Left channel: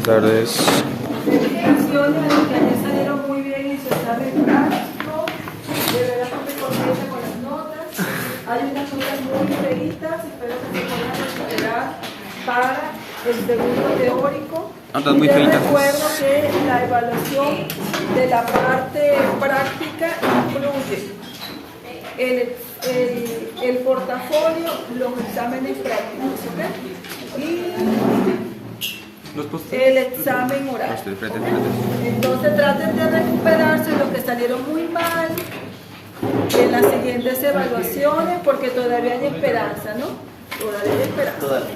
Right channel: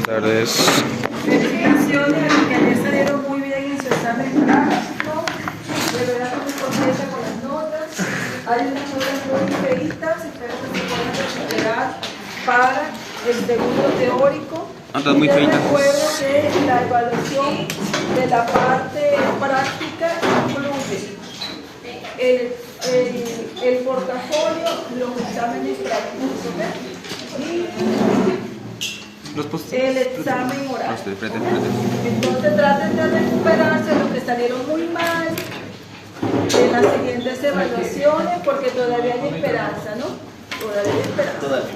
Buenas tardes. Felicitaciones a los que ayer salieron muy bien en su examen práctico. De verdad que muy contenta con las notas. Hay unas notas muy feitas, espero que se puedan recuperar para el segundo teórico. Notas muy feitas. Recuerdo que la evaluación de la parte práctica incluye el portafolio, los exámenes prácticos, ¿ok? Y el examen oral. Entonces traten de recuperarse los que salieron muy mal en las siguientes evaluaciones, porque todavía hay esperanza, ¿no? Todavía hay esperanza.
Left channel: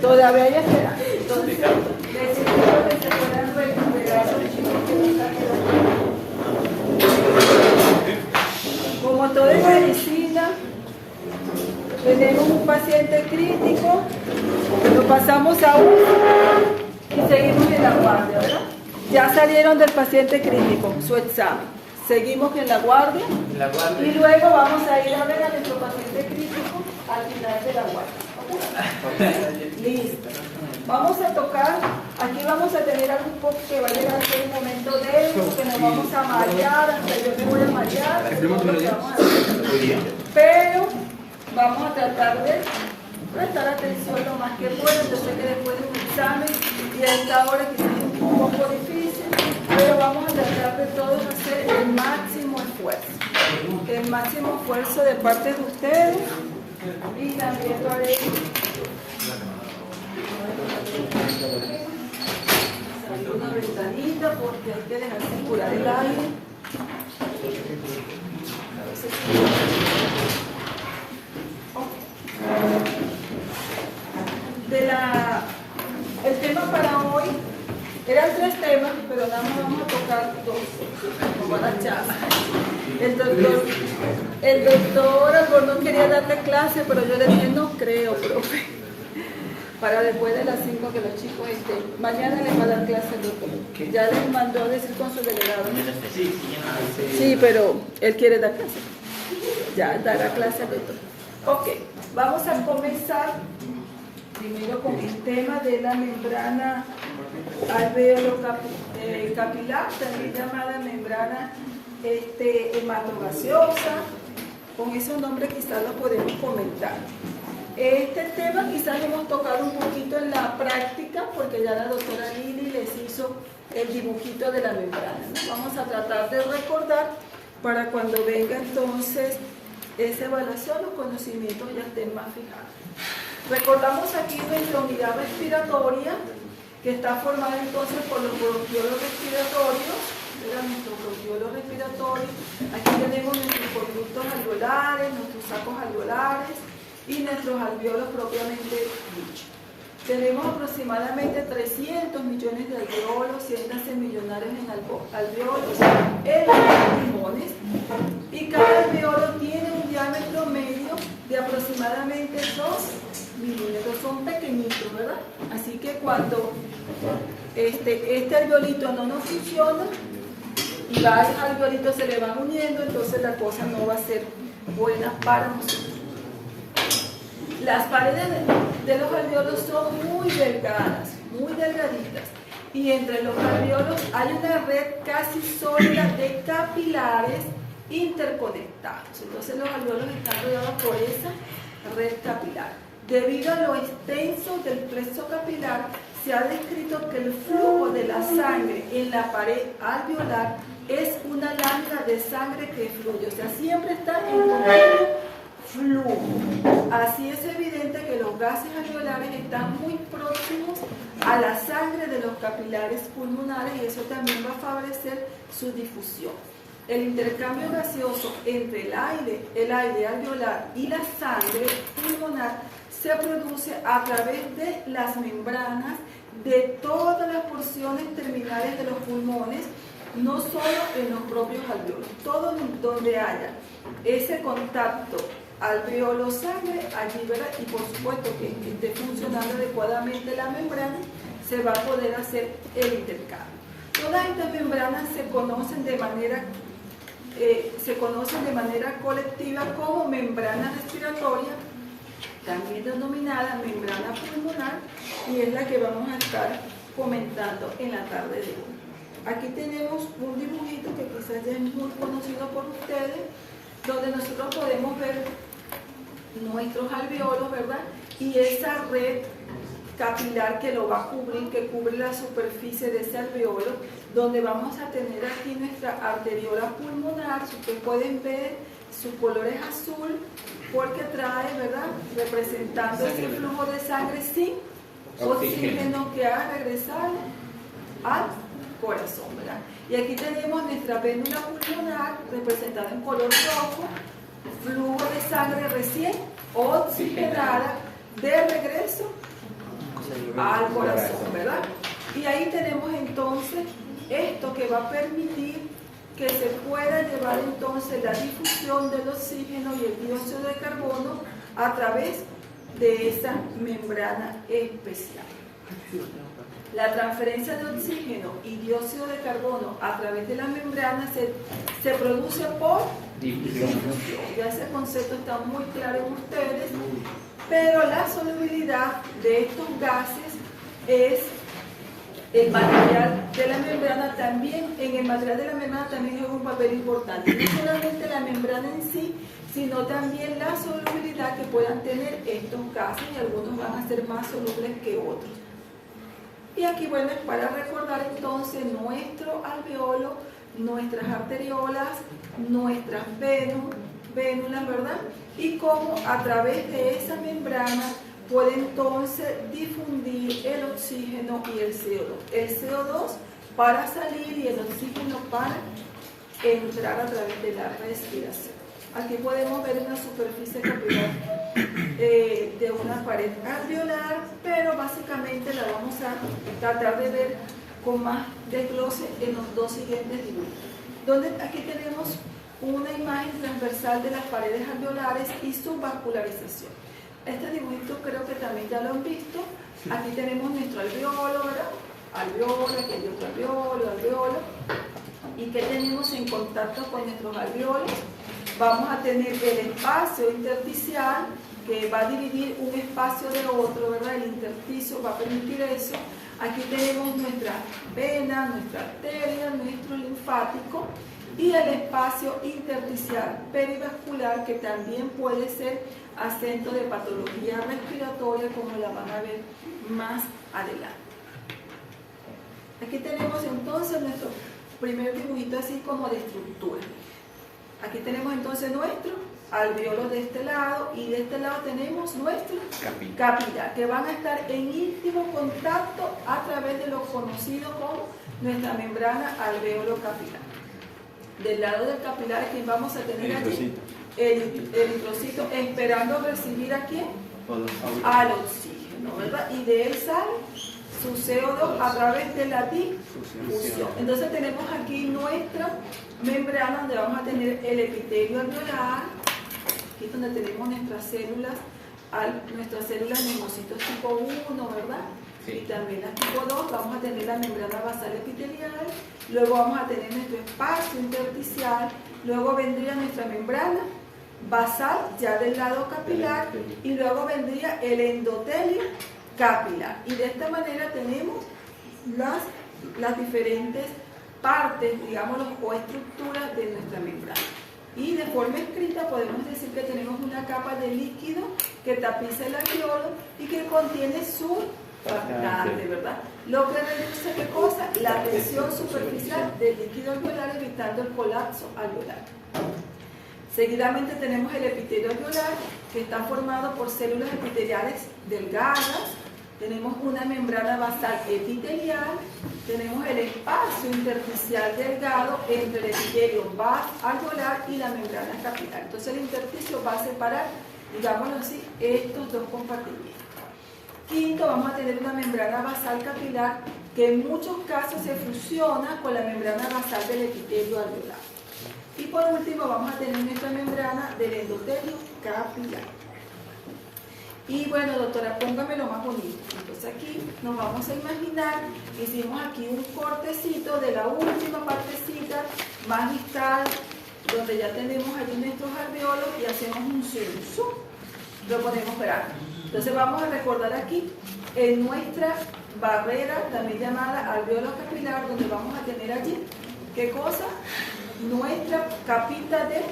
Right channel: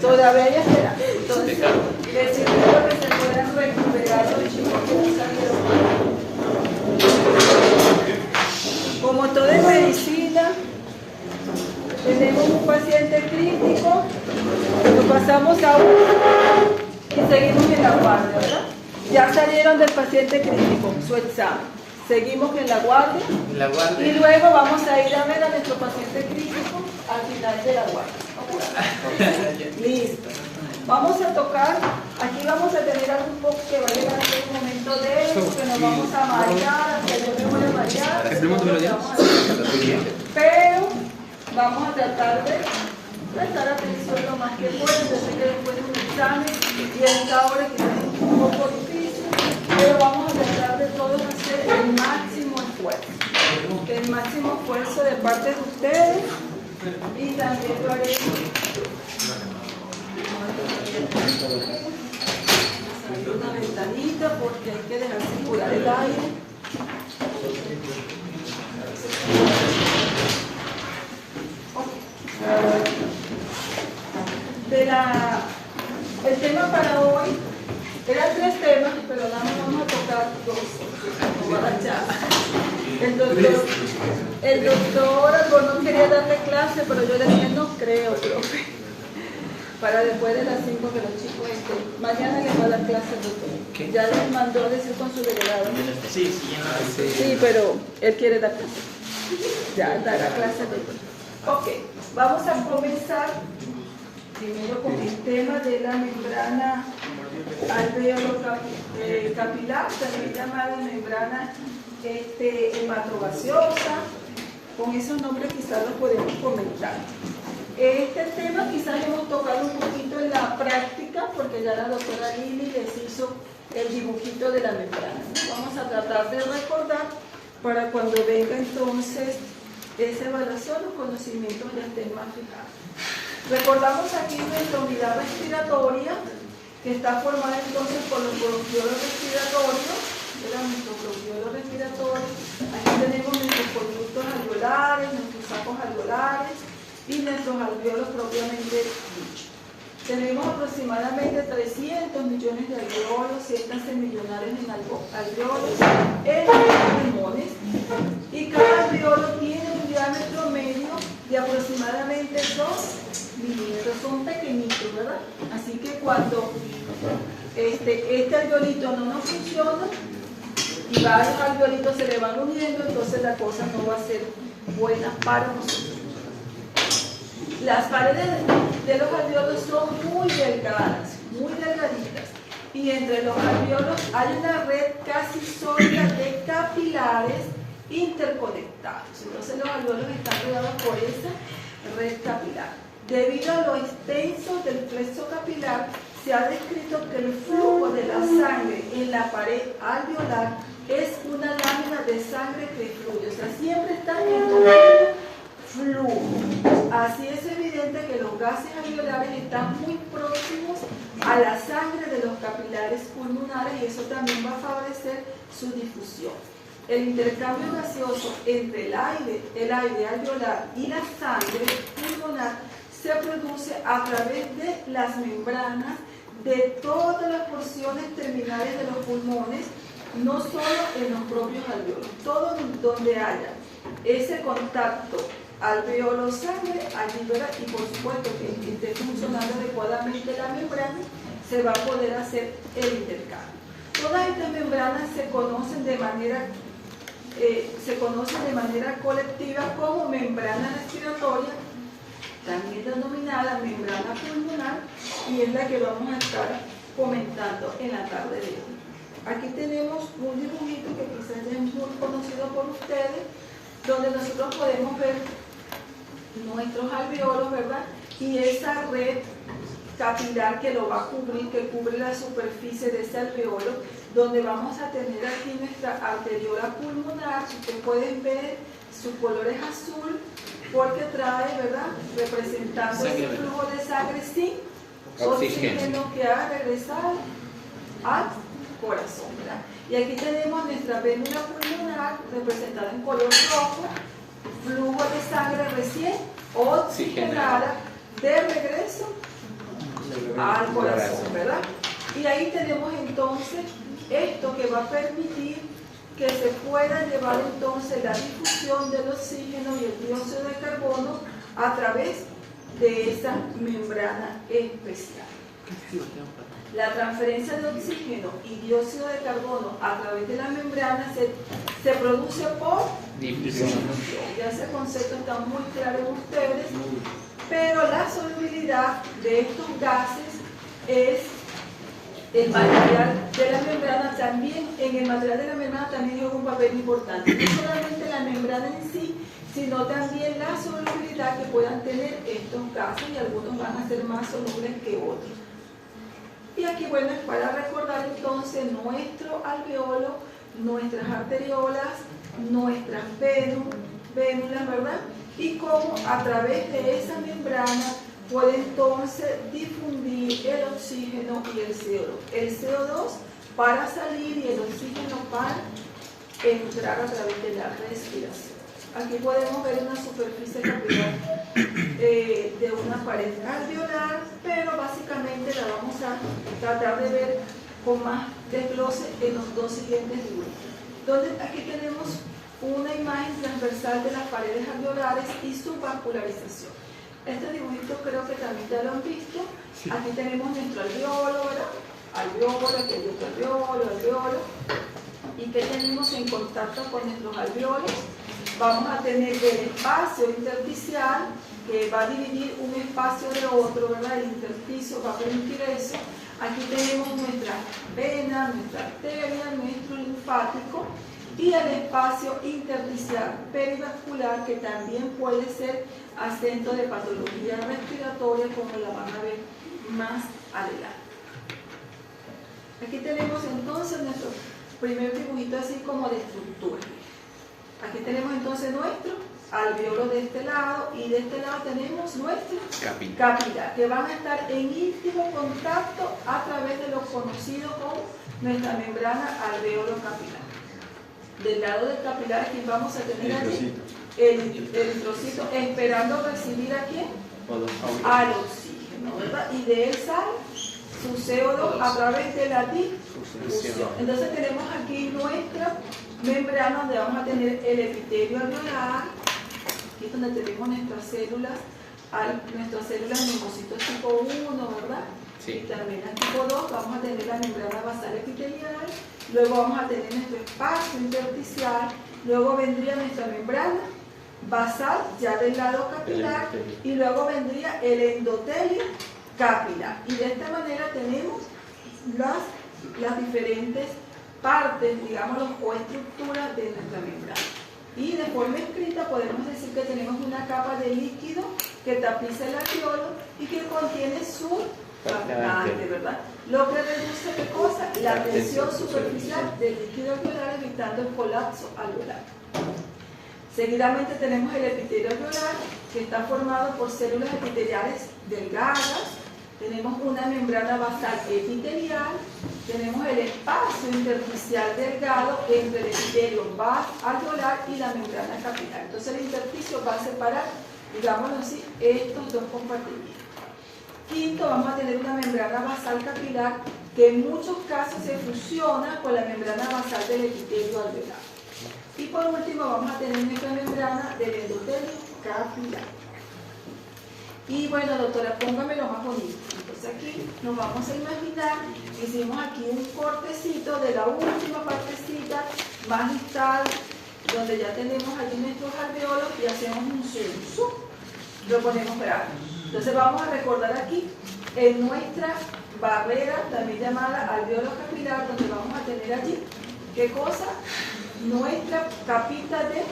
Todavía hay esperanza. Entonces, les invito que se puedan recuperar los chicos. Como todo en medicina, tenemos un paciente crítico, lo pasamos a y seguimos en la guardia, ¿verdad? Ya salieron del paciente crítico, su examen. Seguimos en la guardia y luego vamos a ir a ver a nuestro paciente crítico al final de la guardia. Listo. Vamos a tocar, aquí vamos a tener algún poco que va a llegar a un momento de eso, que nos vamos a marear, hasta yo me voy a marear. Pero vamos a tratar de prestar atención lo más que puedan. Yo sé que después de un examen y a esta hora quizás es un poco difícil, pero vamos a tratar de todos hacer el máximo esfuerzo. El máximo esfuerzo de parte de ustedes y también lo haremos. Una ventanita porque hay que dejar circular el aire. El tema para hoy eran 3 temas, pero nada más vamos a tocar 2 como para la charla. El doctor Albornoz quería darle clase, pero yo le dije no creo, profe, para después de las 5 que los chicos estén. Mañana les va a dar clase al doctor. Ya les mandó a decir con su delegado. Sí, pero él quiere dar clase. Ya dará clase al doctor. Ok, vamos a comenzar primero con el tema de la membrana alveolo-capilar, también llamada membrana hematogaseosa. Con esos nombres quizás lo podemos comentar. Este tema quizás lo hemos tocado un poquito en la práctica, porque ya la doctora Lili les hizo el dibujito de la membrana. Vamos a tratar de recordar para cuando venga entonces esa evaluación, los conocimientos ya estén más fijados. Recordamos aquí nuestra unidad respiratoria, que está formada entonces por los bronquiolos respiratorios, nuestros bronquiolos respiratorios. Aquí tenemos nuestros conductos alveolares, nuestros sacos alveolares y nuestros alveolos propiamente dichos. Tenemos aproximadamente 300 millones de alveolos, 100 millonares en alveolos en los pulmones, y cada alveolo tiene un diámetro medio de aproximadamente 2 milímetros, son pequeñitos, ¿verdad? Así que cuando este alveolito no nos funciona y varios alveolitos se le van uniendo, entonces la cosa no va a ser buena para nosotros. Las paredes de los alveolos son muy delgadas, muy delgaditas, y entre los alveolos hay una red casi sólida de capilares interconectados. Entonces los alveolos están rodeados por esa red capilar. Debido a lo extenso del plexo capilar, se ha descrito que el flujo de la sangre en la pared alveolar es una lámina de sangre que fluye, o sea, siempre está en continuo flujo. Así es evidente que los gases alveolares están muy próximos a la sangre de los capilares pulmonares, y eso también va a favorecer su difusión. El intercambio gaseoso entre el aire alveolar y la sangre pulmonar se produce a través de las membranas de todas las porciones terminales de los pulmones, no solo en los propios alveolos. Todo donde haya ese contacto alveolo-sangre, allí, ¿verdad? Y por supuesto que esté funcionando adecuadamente la membrana, se va a poder hacer el intercambio. Todas estas membranas se conocen de manera colectiva como membrana respiratoria, también denominada membrana pulmonar, y es la que vamos a estar comentando en la tarde de hoy. Aquí tenemos un dibujito que quizás ya es muy conocido por ustedes, donde nosotros podemos ver nuestros alveolos, ¿verdad? Y esa red capilar que lo va a cubrir, que cubre la superficie de ese alveolo, donde vamos a tener aquí nuestra arteriola pulmonar. Si ustedes pueden ver, su color es azul, porque trae, ¿verdad?, representando ese flujo de sangre sin oxígeno que ha regresado al corazón, ¿verdad? Y aquí tenemos nuestra vénula pulmonar representada en color rojo, flujo de sangre recién oxigenada de regreso al corazón, ¿verdad? Y ahí tenemos entonces esto que va a permitir que se pueda llevar entonces la difusión del oxígeno y el dióxido de carbono a través de esa membrana especial. La transferencia de oxígeno y dióxido de carbono a través de la membrana se produce por difusión. Ya ese concepto está muy claro en ustedes, pero la solubilidad de estos gases es el material de la membrana también. En el material de la membrana también juega un papel importante, no solamente la membrana en sí, sino también la solubilidad que puedan tener estos gases, y algunos van a ser más solubles que otros. Y aquí, bueno, es para recordar entonces nuestro alveolo, nuestras arteriolas, nuestras vénulas, ¿verdad? Y cómo a través de esa membrana puede entonces difundir el oxígeno y el CO2. El CO2 para salir y el oxígeno para entrar a través de la respiración. Aquí podemos ver una superficie capilar de una pared alveolar, pero básicamente la vamos a tratar de ver con más desglose en los dos siguientes dibujos. Donde aquí tenemos una imagen transversal de las paredes alveolares y su vascularización. Este dibujito creo que también ya lo han visto. Aquí tenemos nuestro alveolo, ¿verdad? Alveolo, aquí hay otro alveolo. ¿Y qué tenemos en contacto con nuestros alveolos? Vamos a tener el espacio intersticial, que va a dividir un espacio de otro, ¿verdad? El intersticio va a permitir eso. Aquí tenemos nuestra vena, nuestra arteria, nuestro linfático, y el espacio intersticial perivascular, que también puede ser acento de patología respiratoria, como la van a ver más adelante. Aquí tenemos entonces nuestro primer dibujito así como de estructura. Aquí tenemos entonces nuestro alveolo de este lado, y de este lado tenemos nuestro capilar, que van a estar en íntimo contacto a través de lo conocido como nuestra membrana alveolo capilar. Del lado del capilar, aquí vamos a tener allí el eritrocito esperando recibir a quién, al oxígeno, ¿verdad? Y de él sale su CO2 a través de la difusión. Entonces tenemos aquí nuestra membrana, donde vamos a tener el epitelio alveolar, aquí donde tenemos nuestras células linfocitos tipo 1, ¿verdad? Sí. Y también las tipo 2. Vamos a tener la membrana basal epitelial, luego vamos a tener nuestro espacio intersticial, luego vendría nuestra membrana basal ya del lado capilar, y luego vendría el endotelio capilar. Y de esta manera tenemos las diferentes partes, digamos, o estructuras de nuestra membrana. Y de forma escrita podemos decir que tenemos una capa de líquido que tapiza el alveolo y que contiene su surfactante, ¿verdad? Lo que reduce, ¿qué cosa? La tensión superficial del líquido alveolar, evitando el colapso alveolar. Seguidamente tenemos el epitelio alveolar, que está formado por células epiteliales delgadas. Tenemos una membrana basal epitelial, tenemos el espacio intersticial delgado entre el epitelio alveolar y la membrana capilar. Entonces el intersticio va a separar, digámoslo así, estos dos compartimientos. Quinto, vamos a tener una membrana basal capilar que en muchos casos se fusiona con la membrana basal del epitelio alveolar. Y por último vamos a tener nuestra membrana del endotelio capilar. Y bueno, doctora, póngamelo más bonito. Entonces aquí nos vamos a imaginar, hicimos aquí un cortecito de la última partecita más distal, donde ya tenemos aquí nuestros alveolos, y hacemos un zoom. Lo ponemos para acá. Entonces vamos a recordar aquí en nuestra barrera, también llamada alveolo capilar, donde vamos a tener allí, ¿qué cosa? Nuestra capita de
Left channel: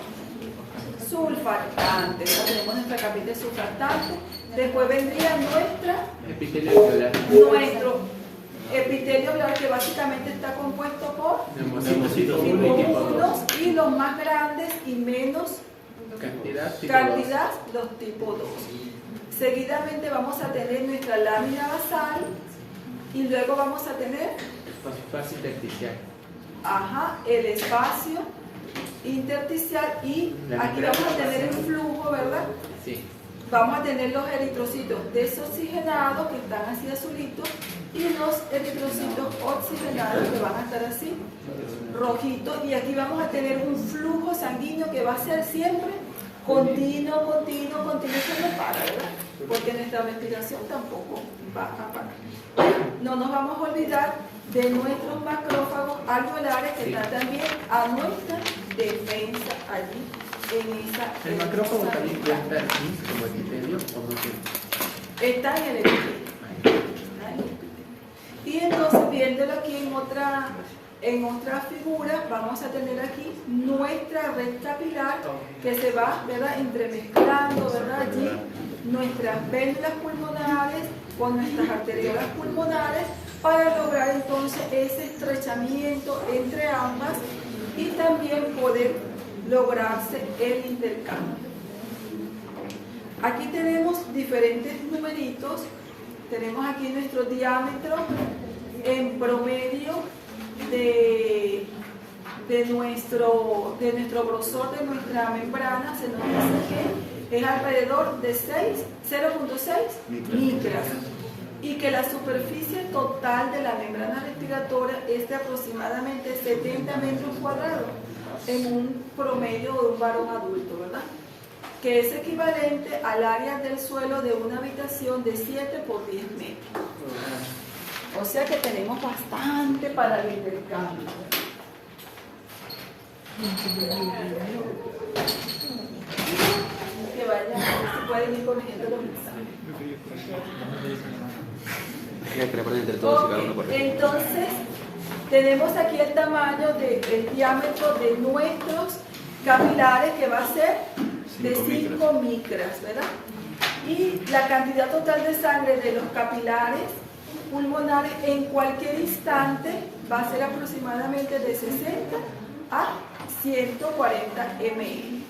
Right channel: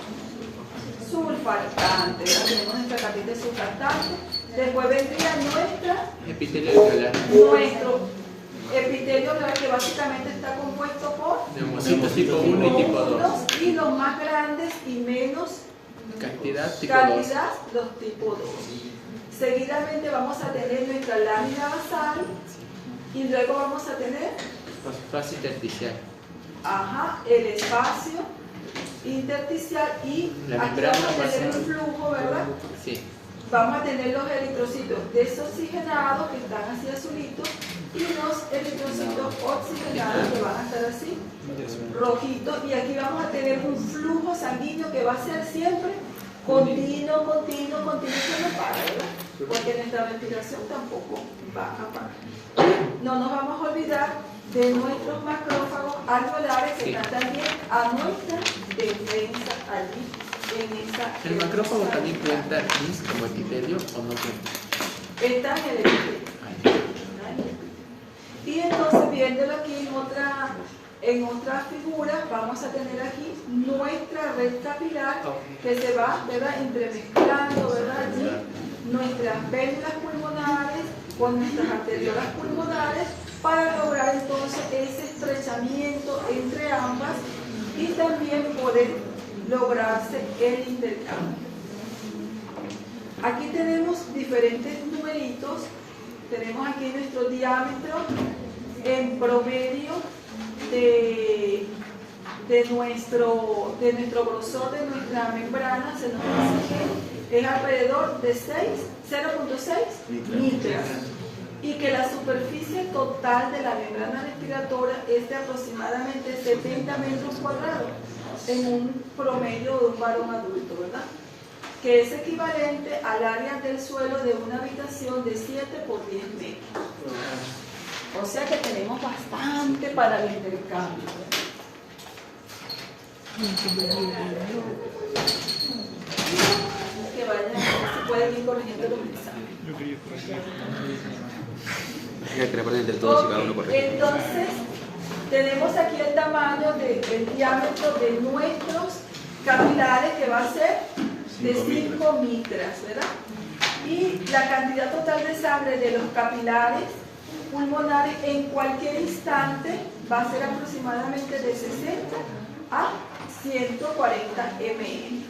surfactante. Tenemos nuestra capita de surfactante. Después vendría nuestro epitelio alveolar, que básicamente está compuesto por neumocitos tipo 1 y tipo 2. Y los más grandes y menos cantidad tipo los tipo 2. Seguidamente vamos a tener nuestra lámina basal y luego vamos a tener espacio intersticial. El espacio intersticial y aquí vamos a tener un flujo, ¿verdad? Sí. Vamos a tener los eritrocitos desoxigenados que están así azulitos y los eritrocitos oxigenados que van a estar así rojitos, y aquí vamos a tener un flujo sanguíneo que va a ser siempre continuo, eso no para, ¿verdad? Porque nuestra respiración tampoco va a parar. No nos vamos a olvidar de nuestros macrófagos alveolares que están también a nuestra defensa allí en esa. ¿El macrófago también puede estar como epitelio o no tiene? Está en el epitelio. Y entonces, viéndolo aquí en otra figura, vamos a tener aquí nuestra red capilar que se va, ¿verdad?, entremezclando, ¿verdad?, allí nuestras vénulas pulmonares con nuestras arteriolas pulmonares para lograr entonces ese estrechamiento entre ambas y también poder lograrse el intercambio. Aquí tenemos diferentes numeritos. Tenemos aquí nuestro diámetro en promedio de nuestro grosor de nuestra membrana. Se nos dice que es alrededor de 0.6 micras y que la superficie total de la membrana respiratoria es de aproximadamente 70 metros cuadrados en un promedio de un varón adulto, ¿verdad?, que es equivalente al área del suelo de una habitación de 7 por 10 metros. O sea que tenemos bastante para el intercambio. Que vayan, se pueden ir corrigiendo los mensajes. Entonces, tenemos aquí el tamaño del diámetro de nuestros capilares, que va a ser de 5 micras, ¿verdad? Y la cantidad total de sangre de los capilares pulmonares en cualquier instante va a ser aproximadamente de 60 a 140 ml.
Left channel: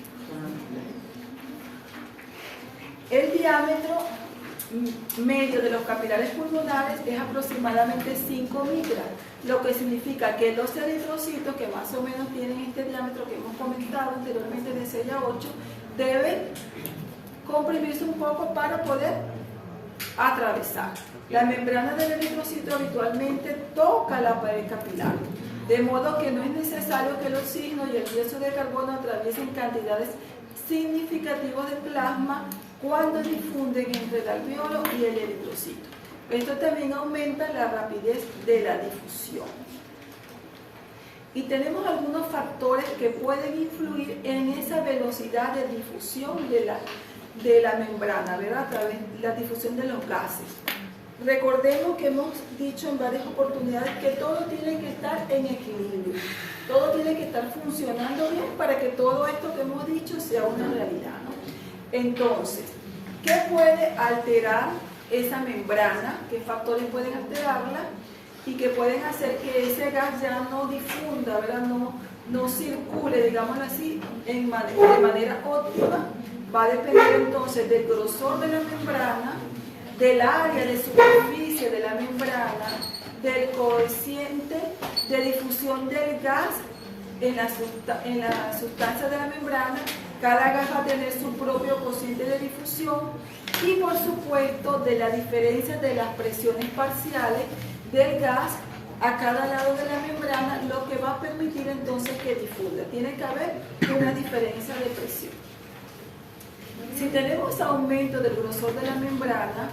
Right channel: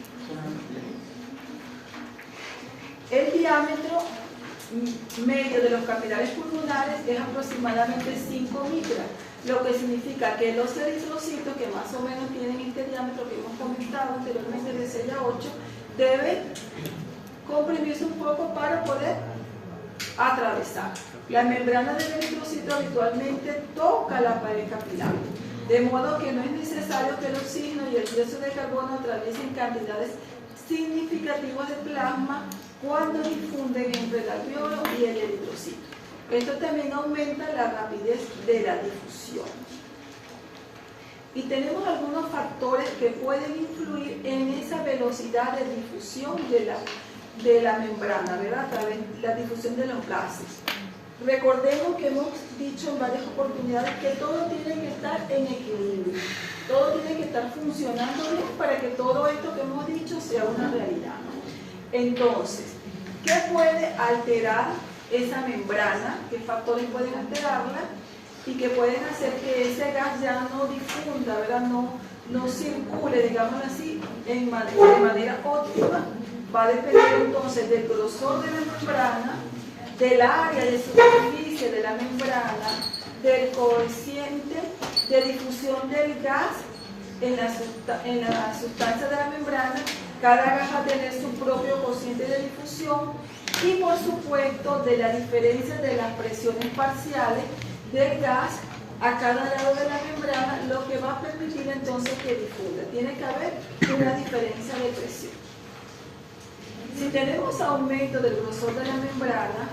El diámetro medio de los capilares pulmonares es aproximadamente 5 micras, lo que significa que los eritrocitos, que más o menos tienen este diámetro que hemos comentado anteriormente de 6 a 8, deben comprimirse un poco para poder atravesar. La membrana del eritrocito habitualmente toca la pared capilar, de modo que no es necesario que el oxígeno y el dióxido de carbono atraviesen cantidades significativas de plasma cuando difunden entre el alveolo y el eritrocito. Esto también aumenta la rapidez de la difusión. Y tenemos algunos factores que pueden influir en esa velocidad de difusión de la membrana, ¿verdad?, a través de la difusión de los gases. Recordemos que hemos dicho en varias oportunidades que todo tiene que estar en equilibrio, todo tiene que estar funcionando bien para que todo esto que hemos dicho sea una realidad. Entonces, ¿qué puede alterar esa membrana? ¿Qué factores pueden alterarla? Y que pueden hacer que ese gas ya no difunda, ¿verdad?, no circule, digamos así, de manera óptima. Va a depender entonces del grosor de la membrana, del área de superficie de la membrana, del coeficiente de difusión del gas en la sustancia de la membrana. Cada gas va a tener su propio cociente de difusión y, por supuesto, de la diferencia de las presiones parciales del gas a cada lado de la membrana, lo que va a permitir entonces que difunda. Tiene que haber una diferencia de presión. Si tenemos aumento del grosor de la membrana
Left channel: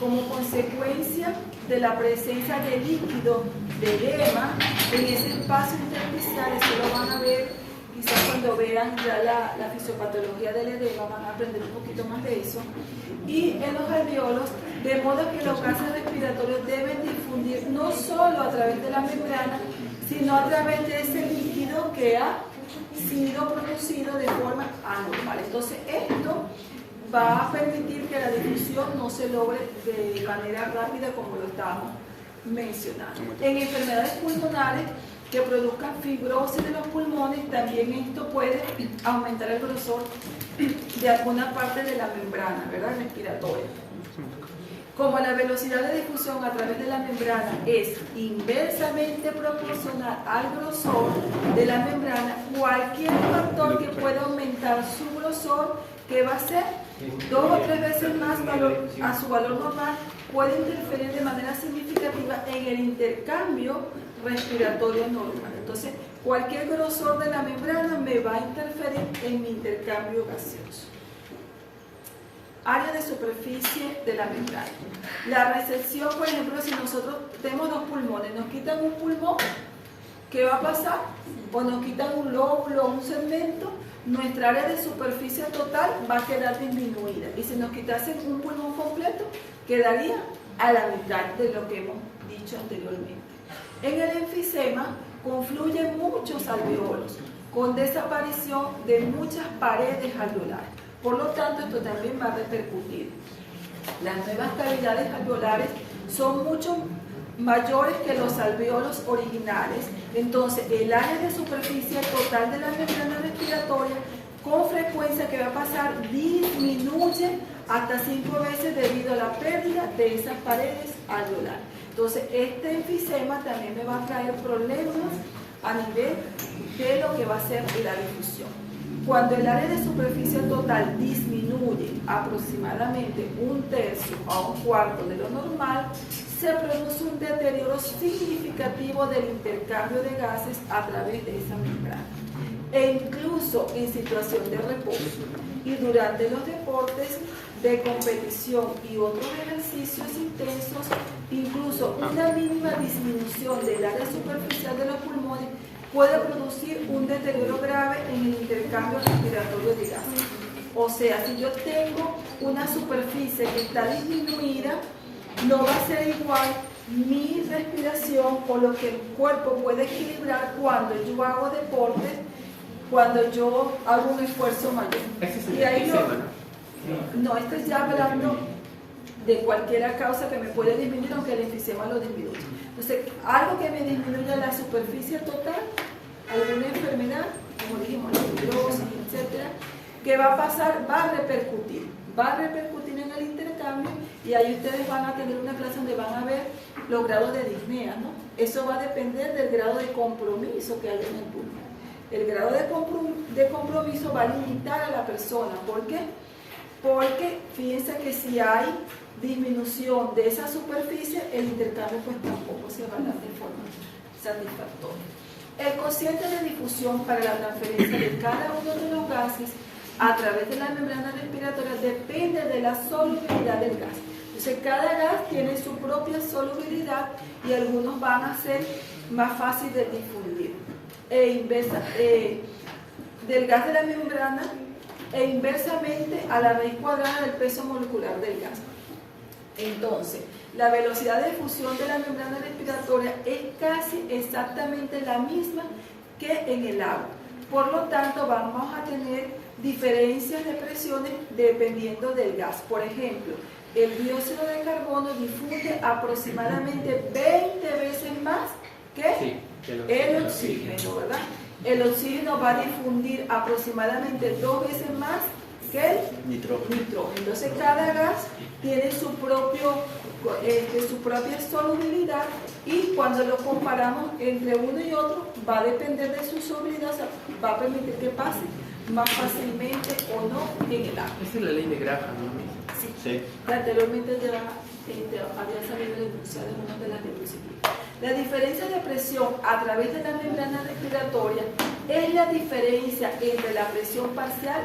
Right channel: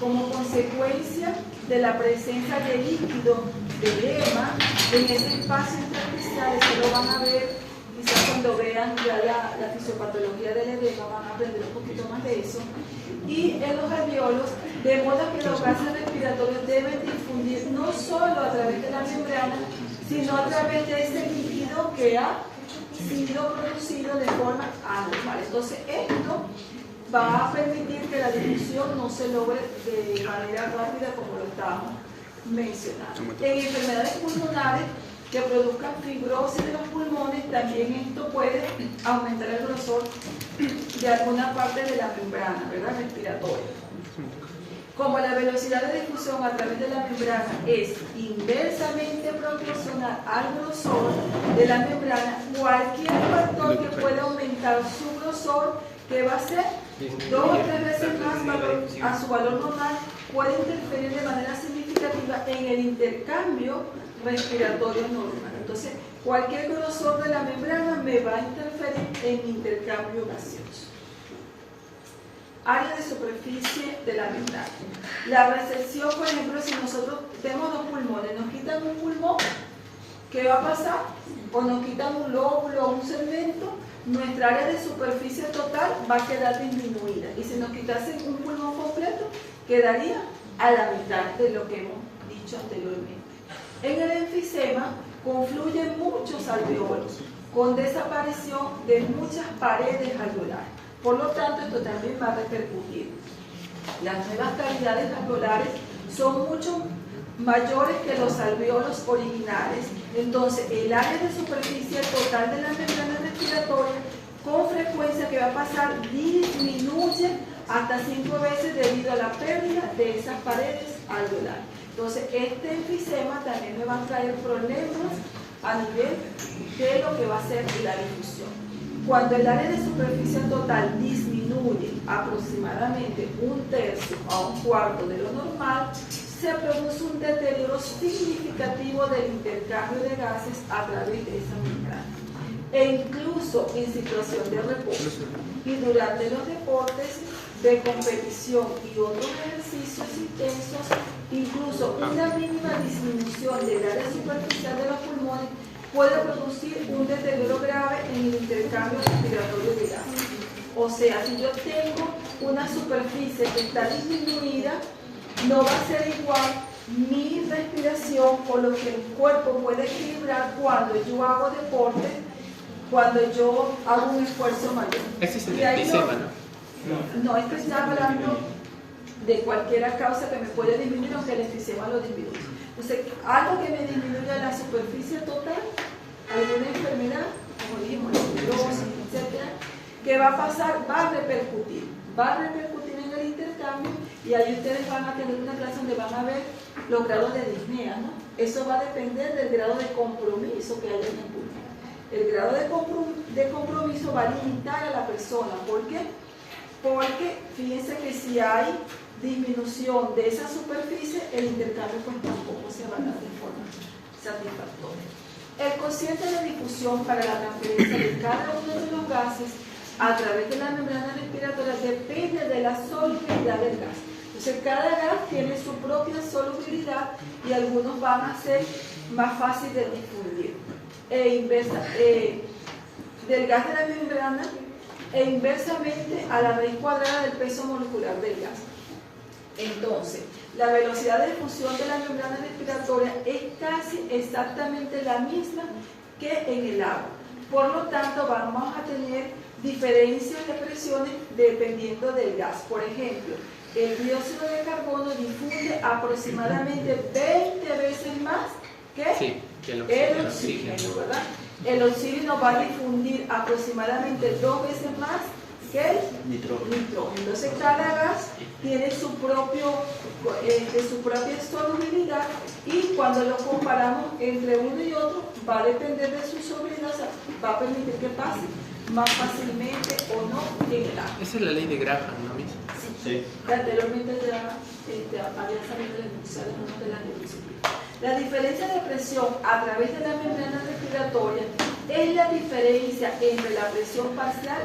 como consecuencia de la presencia de líquido de edema en ese espacio intersticial, eso lo van a ver quizás cuando vean ya la fisiopatología del edema, van a aprender un poquito más de eso, y en los alveolos, de modo que los gases respiratorios deben difundir no solo a través de la membrana, sino a través de ese líquido que ha sido producido de forma anormal. Entonces, esto va a permitir que la difusión no se logre de manera rápida como lo estábamos mencionando. En enfermedades pulmonares que produzcan fibrosis de los pulmones, también esto puede aumentar el grosor de alguna parte de la membrana, ¿verdad?, respiratoria. Como la velocidad de difusión a través de la membrana es inversamente proporcional al grosor de la membrana, cualquier factor que pueda aumentar su grosor, que va a ser 2 o 3 veces más a su valor normal, puede interferir de manera significativa en el intercambio respiratorio normal. Entonces, cualquier grosor de la membrana me va a interferir en mi intercambio gaseoso. Área de superficie de la membrana. La recepción, por ejemplo, si nosotros tenemos 2 pulmones, nos quitan un pulmón, ¿qué va a pasar? O nos quitan un lóbulo o un segmento, nuestra área de superficie total va a quedar disminuida. Y si nos quitasen un pulmón completo, quedaría a la mitad de lo que hemos dicho anteriormente. En el enfisema confluyen muchos alveolos, con desaparición de muchas paredes alveolares. Por lo tanto, esto también va a repercutir. Las nuevas cavidades alveolares son mucho mayores que los alveolos originales. Entonces, el área de superficie total de la membrana respiratoria, con frecuencia que va a pasar, disminuye hasta 5 veces debido a la pérdida de esas paredes alveolares. Entonces, este enfisema también me va a traer problemas a nivel de lo que va a ser la difusión. Cuando el área de superficie total disminuye aproximadamente 1/3 a 1/4 de lo normal, se produce un deterioro significativo del intercambio de gases a través de esa membrana. E incluso en situación de reposo y durante los deportes de competición y otros ejercicios intensos, incluso una mínima disminución del área superficial de los pulmones puede producir un deterioro grave en el intercambio respiratorio de gases. O sea, si yo tengo una superficie que está disminuida, no va a ser igual mi respiración o lo que el cuerpo puede equilibrar cuando yo hago deporte, cuando yo hago un esfuerzo mayor. Ese es el enfisema, ¿no? No, esto ya hablando de cualquier causa que me puede disminuir, aunque el enfisema lo disminuye. Entonces, algo que me disminuya la superficie total, alguna enfermedad, como dijimos, fibrosis, etcétera, ¿qué va a pasar? Va a repercutir en el intercambio, y ahí ustedes van a tener una clase donde van a ver los grados de disnea, ¿no? Eso va a depender del grado de compromiso que haya en el pulmón. El grado de compromiso va a limitar a la persona. ¿Por qué? Porque fíjense que si hay disminución de esa superficie, el intercambio pues tampoco se va a dar de forma satisfactoria. El cociente de difusión para la transferencia de cada uno de los gases a través de la membrana respiratoria depende de la solubilidad del gas. Entonces, cada gas tiene su propia solubilidad y algunos van a ser más fáciles de difundir. Del gas de la membrana e inversamente a la raíz cuadrada del peso molecular del gas. Entonces, la velocidad de difusión de la membrana respiratoria es casi exactamente la misma que en el agua. Por lo tanto, vamos a tener diferencias de presiones dependiendo del gas. Por ejemplo, el dióxido de carbono difunde aproximadamente 20 veces más que el oxígeno, ¿verdad? El oxígeno va a difundir aproximadamente 2 veces más que el nitrógeno. Entonces, cada gas tiene su propia solubilidad, y cuando lo comparamos entre uno y otro, va a depender de su solubilidad, o sea, va a permitir que pase más fácilmente o no en el agua. Esa es la ley de Graham, ¿no mismo? Sí. Anteriormente ya había salido de una de las diapositivas. La diferencia de presión a través de la membrana respiratoria es la diferencia entre la presión parcial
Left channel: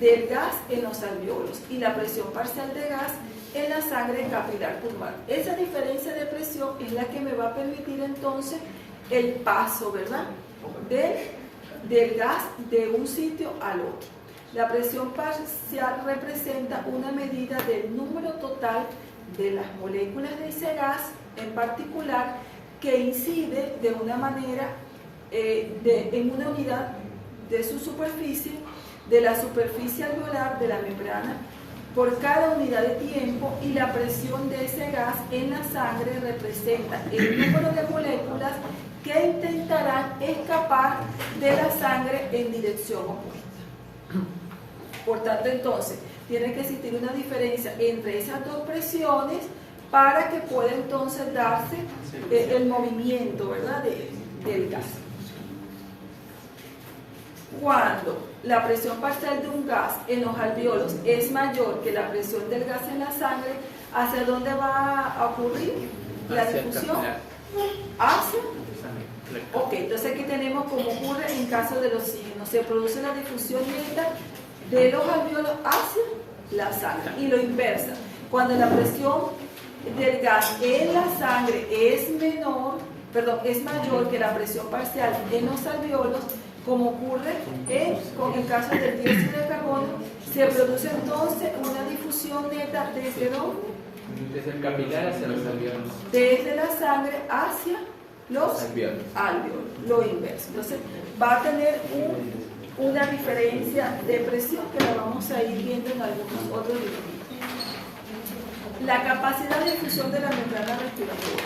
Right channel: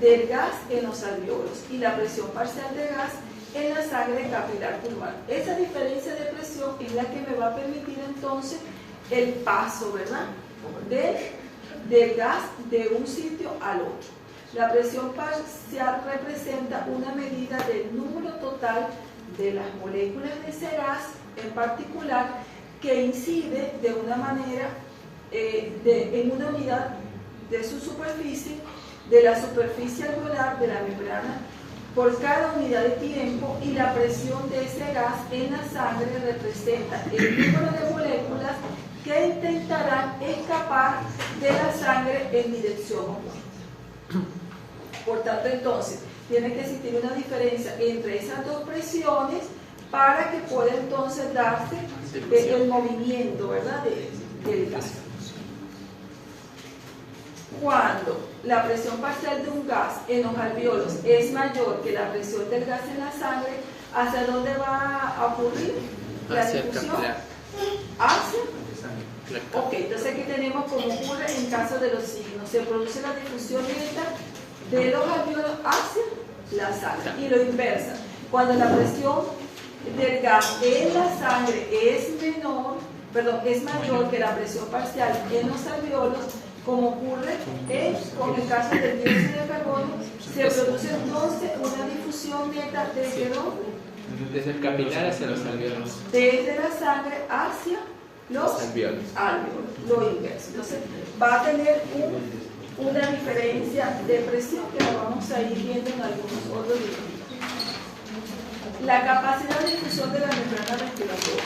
del gas en los alveolos y la presión parcial de gas en la sangre capilar pulmonar. Esa diferencia de presión es la que me va a permitir entonces el paso, ¿verdad?, del gas de un sitio al otro. La presión parcial representa una medida del número total de las moléculas de ese gas en particular que incide de una manera en una unidad de su superficie, de la superficie alveolar de la membrana por cada unidad de tiempo, y la presión de ese gas en la sangre representa el número de moléculas que intentarán escapar de la sangre en dirección opuesta. Por tanto, entonces, tiene que existir una diferencia entre esas dos presiones para que pueda entonces darse el movimiento, ¿verdad?, del gas. Cuando la presión parcial de un gas en los alvéolos es mayor que la presión del gas en la sangre, ¿hacia dónde va a ocurrir la difusión? Hacia. Ok, entonces aquí tenemos como ocurre en caso del oxígeno. Se produce la difusión directa de los alvéolos hacia la sangre, y lo inversa. Cuando la presión del gas en la sangre es mayor que la presión parcial en los alvéolos, como ocurre con el caso del dióxido de carbono, se produce entonces una difusión neta desde ¿dónde? Desde el capilar hacia los alvéolos. Desde la sangre hacia los alvéolos. Lo inverso. Entonces va a tener una diferencia de presión que la vamos a ir viendo en algunos otros videos. La capacidad de difusión de la membrana respiratoria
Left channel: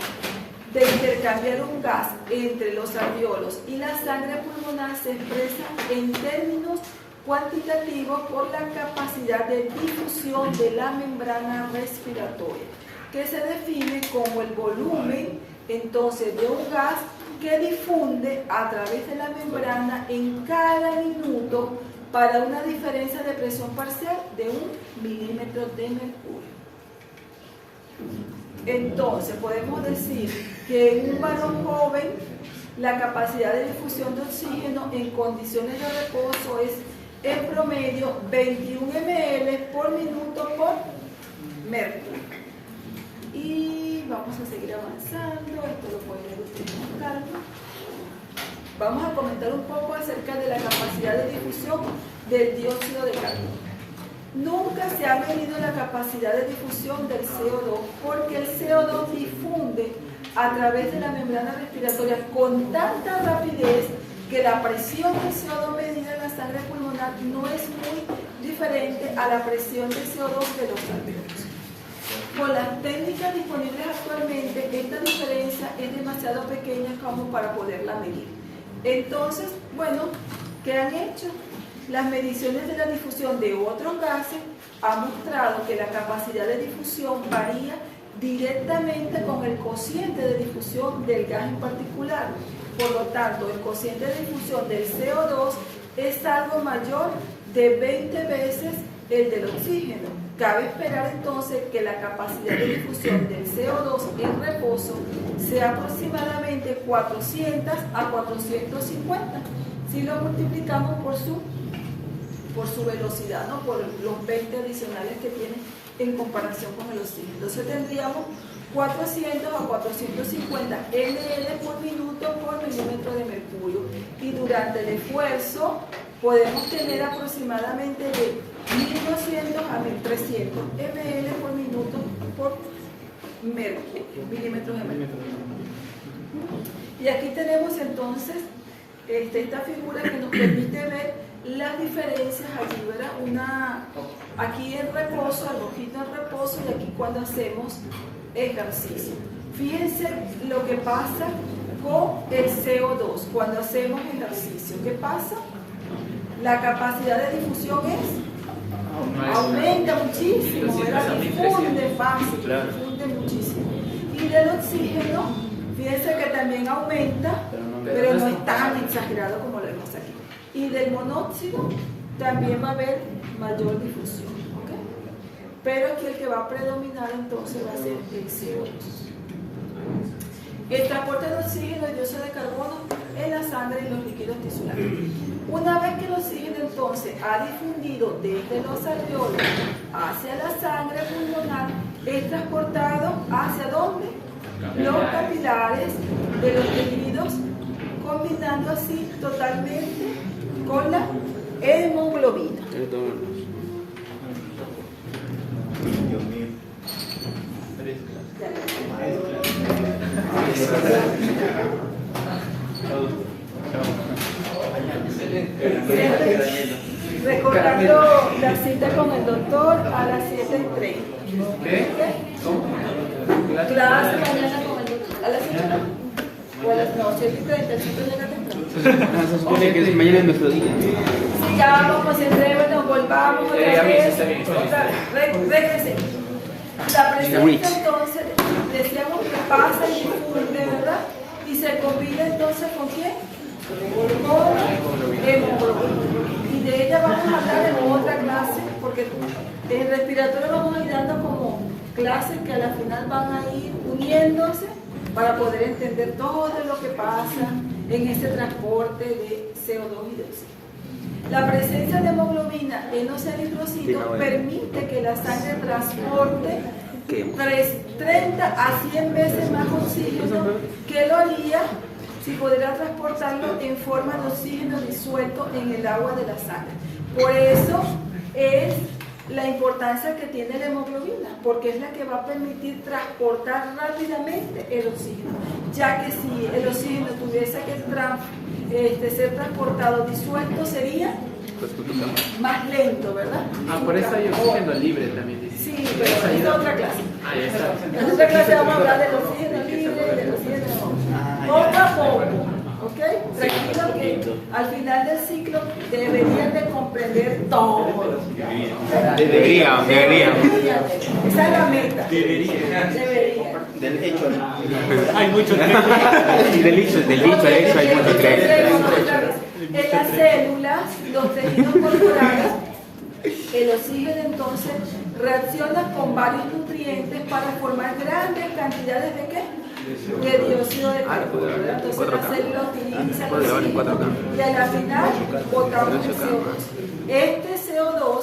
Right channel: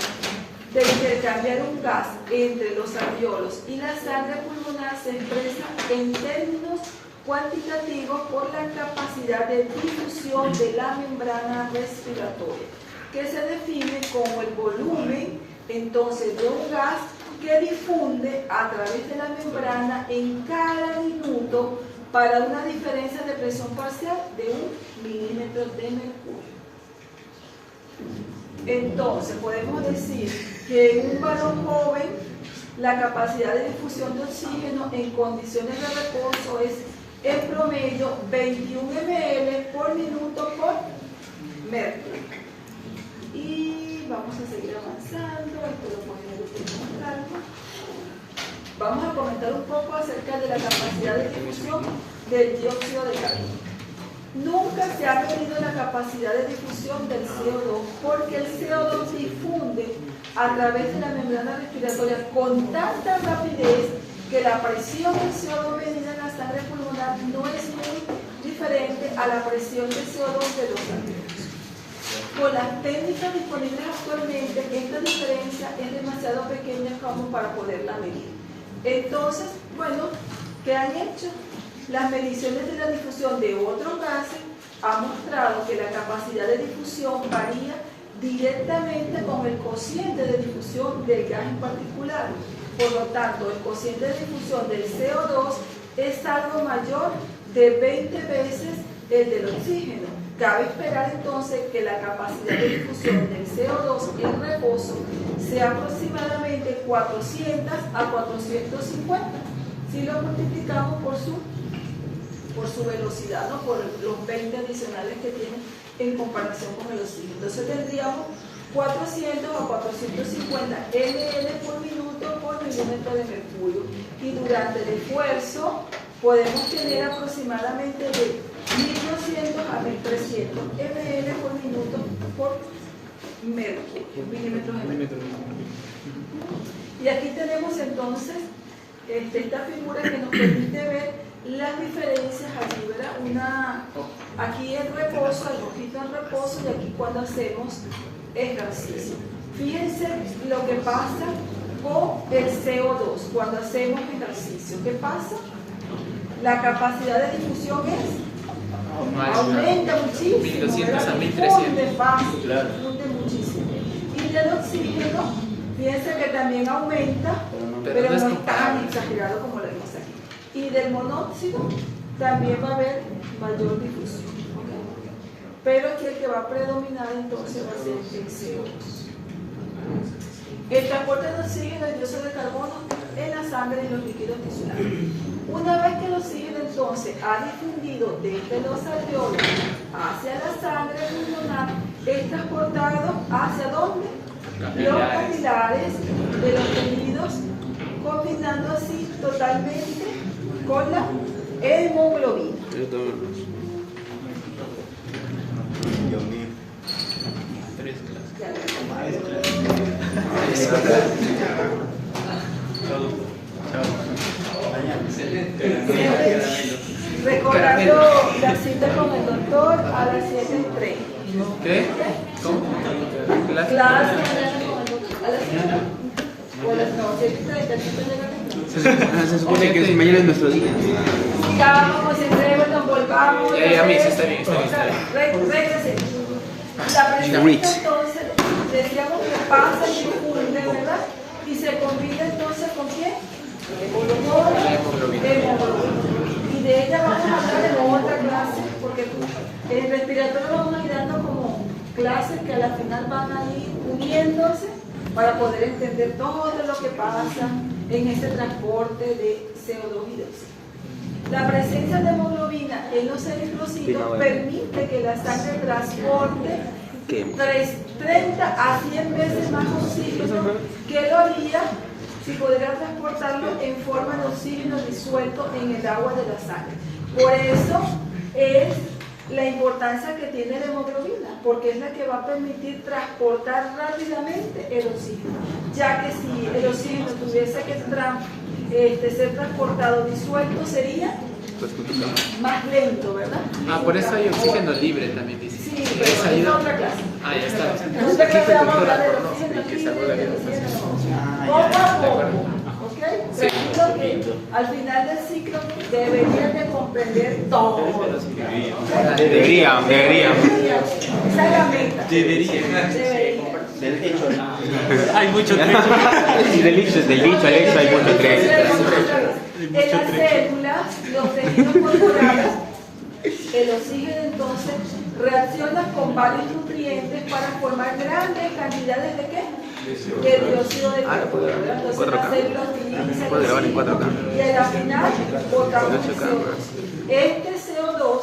de intercambiar un gas entre los alvéolos y la sangre pulmonar se expresa en términos cuantitativos por la capacidad de difusión de la membrana respiratoria, que se define como el volumen entonces de un gas que difunde a través de la membrana en cada minuto para una diferencia de presión parcial de 1 milímetro de mercurio. Entonces podemos decir que en un varón joven la capacidad de difusión de oxígeno en condiciones de reposo es en promedio 21 ml por minuto por mercurio. Y vamos a seguir avanzando, esto lo pueden ir con calma. Vamos a comentar un poco acerca de la capacidad de difusión del dióxido de carbono. Nunca se ha medido la capacidad de difusión del CO2 porque el CO2 difunde a través de la membrana respiratoria con tanta rapidez que la presión del CO2 medida en la sangre pulmonar no es muy diferente a la presión del CO2 de los alvéolos. Con las técnicas disponibles actualmente, esta diferencia es demasiado pequeña como para poderla medir. Entonces, bueno, ¿qué han hecho? Las mediciones de la difusión de otros gases han mostrado que la capacidad de difusión varía directamente con el cociente de difusión del gas en particular. Por lo tanto, el cociente de difusión del CO2 es algo mayor de 20 veces el del oxígeno. Cabe esperar entonces que la capacidad de difusión del CO2 en reposo sea aproximadamente 400 a 450 si lo multiplicamos por su velocidad, ¿no?, por los 20 adicionales que tiene en comparación con el oxígeno. Entonces tendríamos 400 a 450 ml por minuto por milímetro de mercurio, y durante el esfuerzo podemos tener aproximadamente de 1200 a 1300 ml por minuto por mercurio, milímetros de mercurio. Y aquí tenemos entonces esta figura que nos permite ver las diferencias. Aquí, ¿verdad? Aquí el reposo, el rojito en reposo, y aquí cuando hacemos ejercicio. Fíjense lo que pasa con el CO2 cuando hacemos ejercicio. ¿Qué pasa? La capacidad de difusión aumenta muchísimo, difunde fácil, difunde muchísimo. Y del oxígeno, fíjense que también aumenta, pero no es tan exagerado como lo vemos aquí. Y del monóxido también va a haber mayor difusión, ¿okay? Pero aquí el que va a predominar entonces va a ser el CO2. El transporte de oxígeno y dióxido de carbono en la sangre y los líquidos tisulares. Una vez que el oxígeno entonces ha difundido desde los alvéolos hacia la sangre pulmonar, es transportado ¿hacia dónde? Los capilares de los tejidos, combinando así totalmente con la hemoglobina. la cita con el doctor a las 7:30. ¿Qué? Clase mañana con el doctor a las 7:30. O a las 7:30, Se supone que mañana es nuestro día. Sí, ya vamos, concentremos, nos volvamos. A mí sí está bien, está bien. Regrese. La presencia entonces, decíamos que pasa y difunde, ¿verdad? Y se combina entonces con quién? Con hemoglobina. Y de ella vamos a hablar en otra clase, porque en respiratorio vamos a ir dando como clases que a la final van a ir uniéndose para poder entender todo lo que pasa en ese transporte de CO2 y de oxígeno. La presencia de hemoglobina en los eritrocitos permite que la sangre transporte 30 a 100 veces más oxígeno que lo haría si pudiera transportarlo en forma de oxígeno disuelto en el agua de la sangre. Por eso es la importancia que tiene la hemoglobina, porque es la que va a permitir transportar rápidamente el oxígeno, ya que si el oxígeno tuviese que ser transportado disuelto sería más lento, ¿verdad? Por eso hay oxígeno libre también, dice. Sí, pero esa es otra clase. Ya está. En otra clase vamos a hablar del oxígeno libre y del oxígeno poco a poco, ¿ok? Tranquilo que al final del ciclo deberían de comprender todo. Deberíamos. Esa es la meta. Debería. Hay mucho Y del dicho al hecho hay mucho trecho. En las células, los tejidos corporales, el oxígeno entonces reacciona con varios nutrientes para formar grandes cantidades de ¿qué? De dióxido de carbono. Entonces las células utilizan Puedo grabar en 4K. y a la final botamos el CO2. Este CO2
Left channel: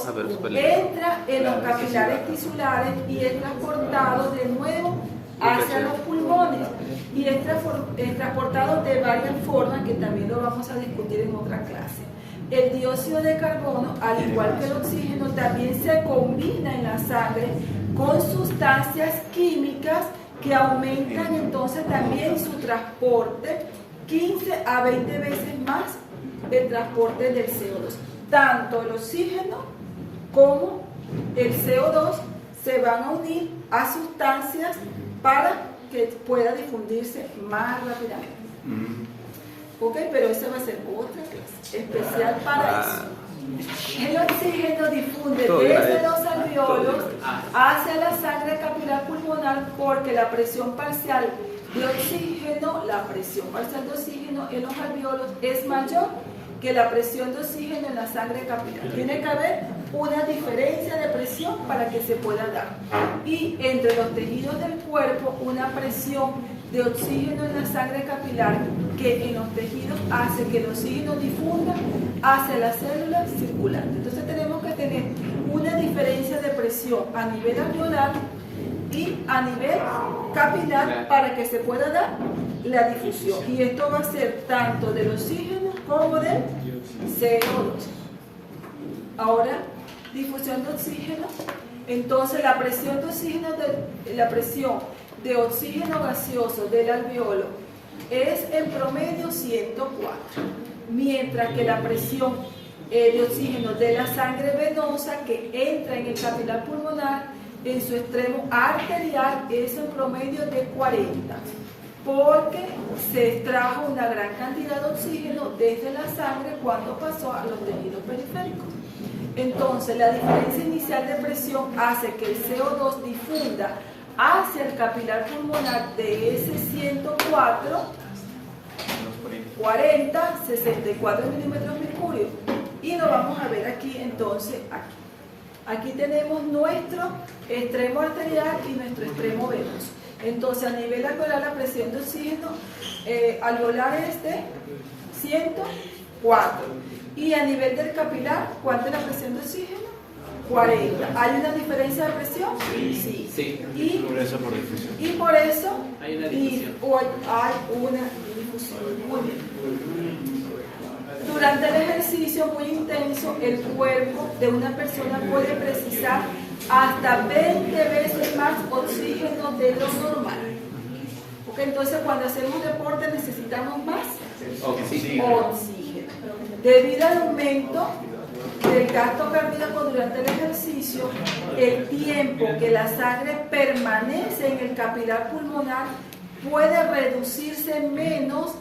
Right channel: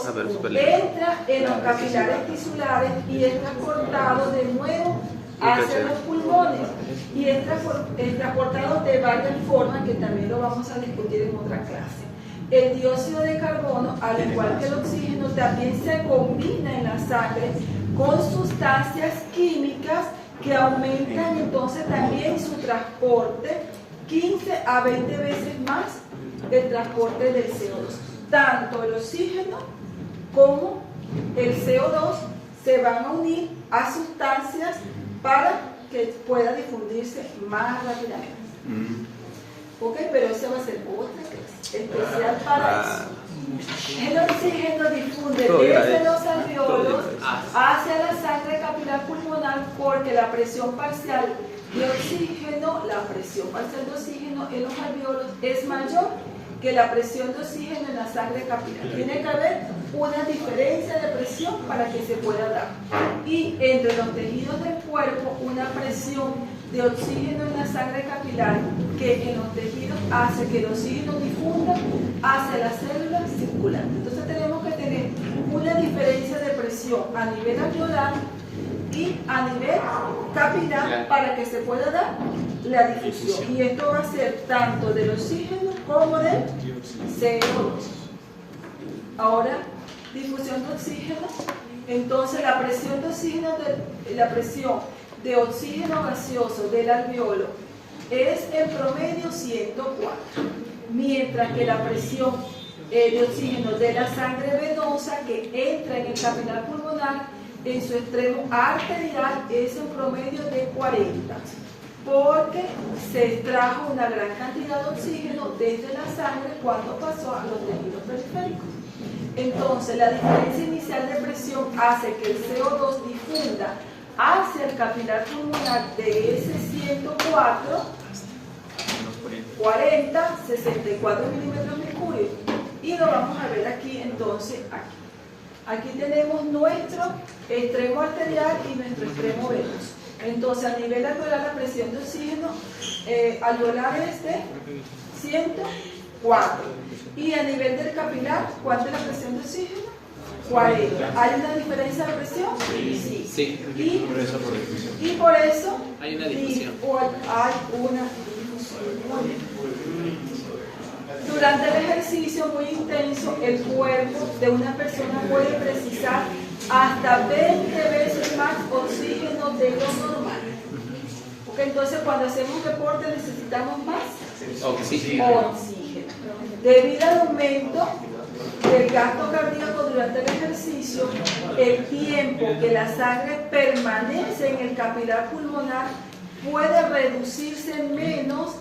entra en los capilares tisulares y es transportado de nuevo hacia los pulmones y es transportado de varias formas que también lo vamos a discutir en otra clase. El dióxido de carbono, al igual que el oxígeno, también se combina en la sangre con sustancias químicas que aumentan entonces también su transporte 15 a 20 veces más el transporte del CO2. Tanto el oxígeno como el CO2 se van a unir a sustancias para que pueda difundirse más rápidamente. Ok, pero eso va a ser otra clase especial para eso. El oxígeno difunde desde los alveolos hacia la sangre capilar pulmonar porque la presión parcial de oxígeno, en los alveolos es mayor que la presión de oxígeno en la sangre capilar. Tiene que haber una diferencia de presión para que se pueda dar. Y entre los tejidos del cuerpo, una presión de oxígeno en la sangre capilar que en los tejidos hace que el oxígeno difunda hacia las células circulantes. Entonces tenemos que tener una diferencia de presión a nivel alveolar y a nivel capilar para que se pueda dar la difusión. Y esto va a ser tanto del oxígeno como del CO2. Ahora, difusión de oxígeno. Entonces la presión de oxígeno, de oxígeno gaseoso del alveolo es en promedio 104, mientras que la presión de oxígeno de la sangre venosa que entra en el capilar pulmonar en su extremo arterial es un promedio de 40, porque se extrajo una gran cantidad de oxígeno desde la sangre cuando pasó a los tejidos periféricos. Entonces, la diferencia inicial de presión hace que el CO2 difunda hacia el capilar pulmonar de ese 104, 40, 64 milímetros mercurio. Y lo vamos a ver aquí, entonces, aquí. Aquí tenemos nuestro extremo arterial y nuestro extremo venoso. Entonces, a nivel alveolar, la presión de oxígeno alveolar es de 104. Y a nivel del capilar, ¿cuánto es la presión de oxígeno? 40. ¿Hay una diferencia de presión? Sí. Y por eso hay una difusión. Durante el ejercicio muy intenso, el cuerpo de una persona puede precisar hasta 20 veces más oxígeno de lo normal. Porque entonces cuando hacemos deporte necesitamos más oxígeno. Debido al aumento del gasto cardíaco durante el ejercicio, el tiempo que la sangre permanece en el capilar pulmonar puede reducirse menos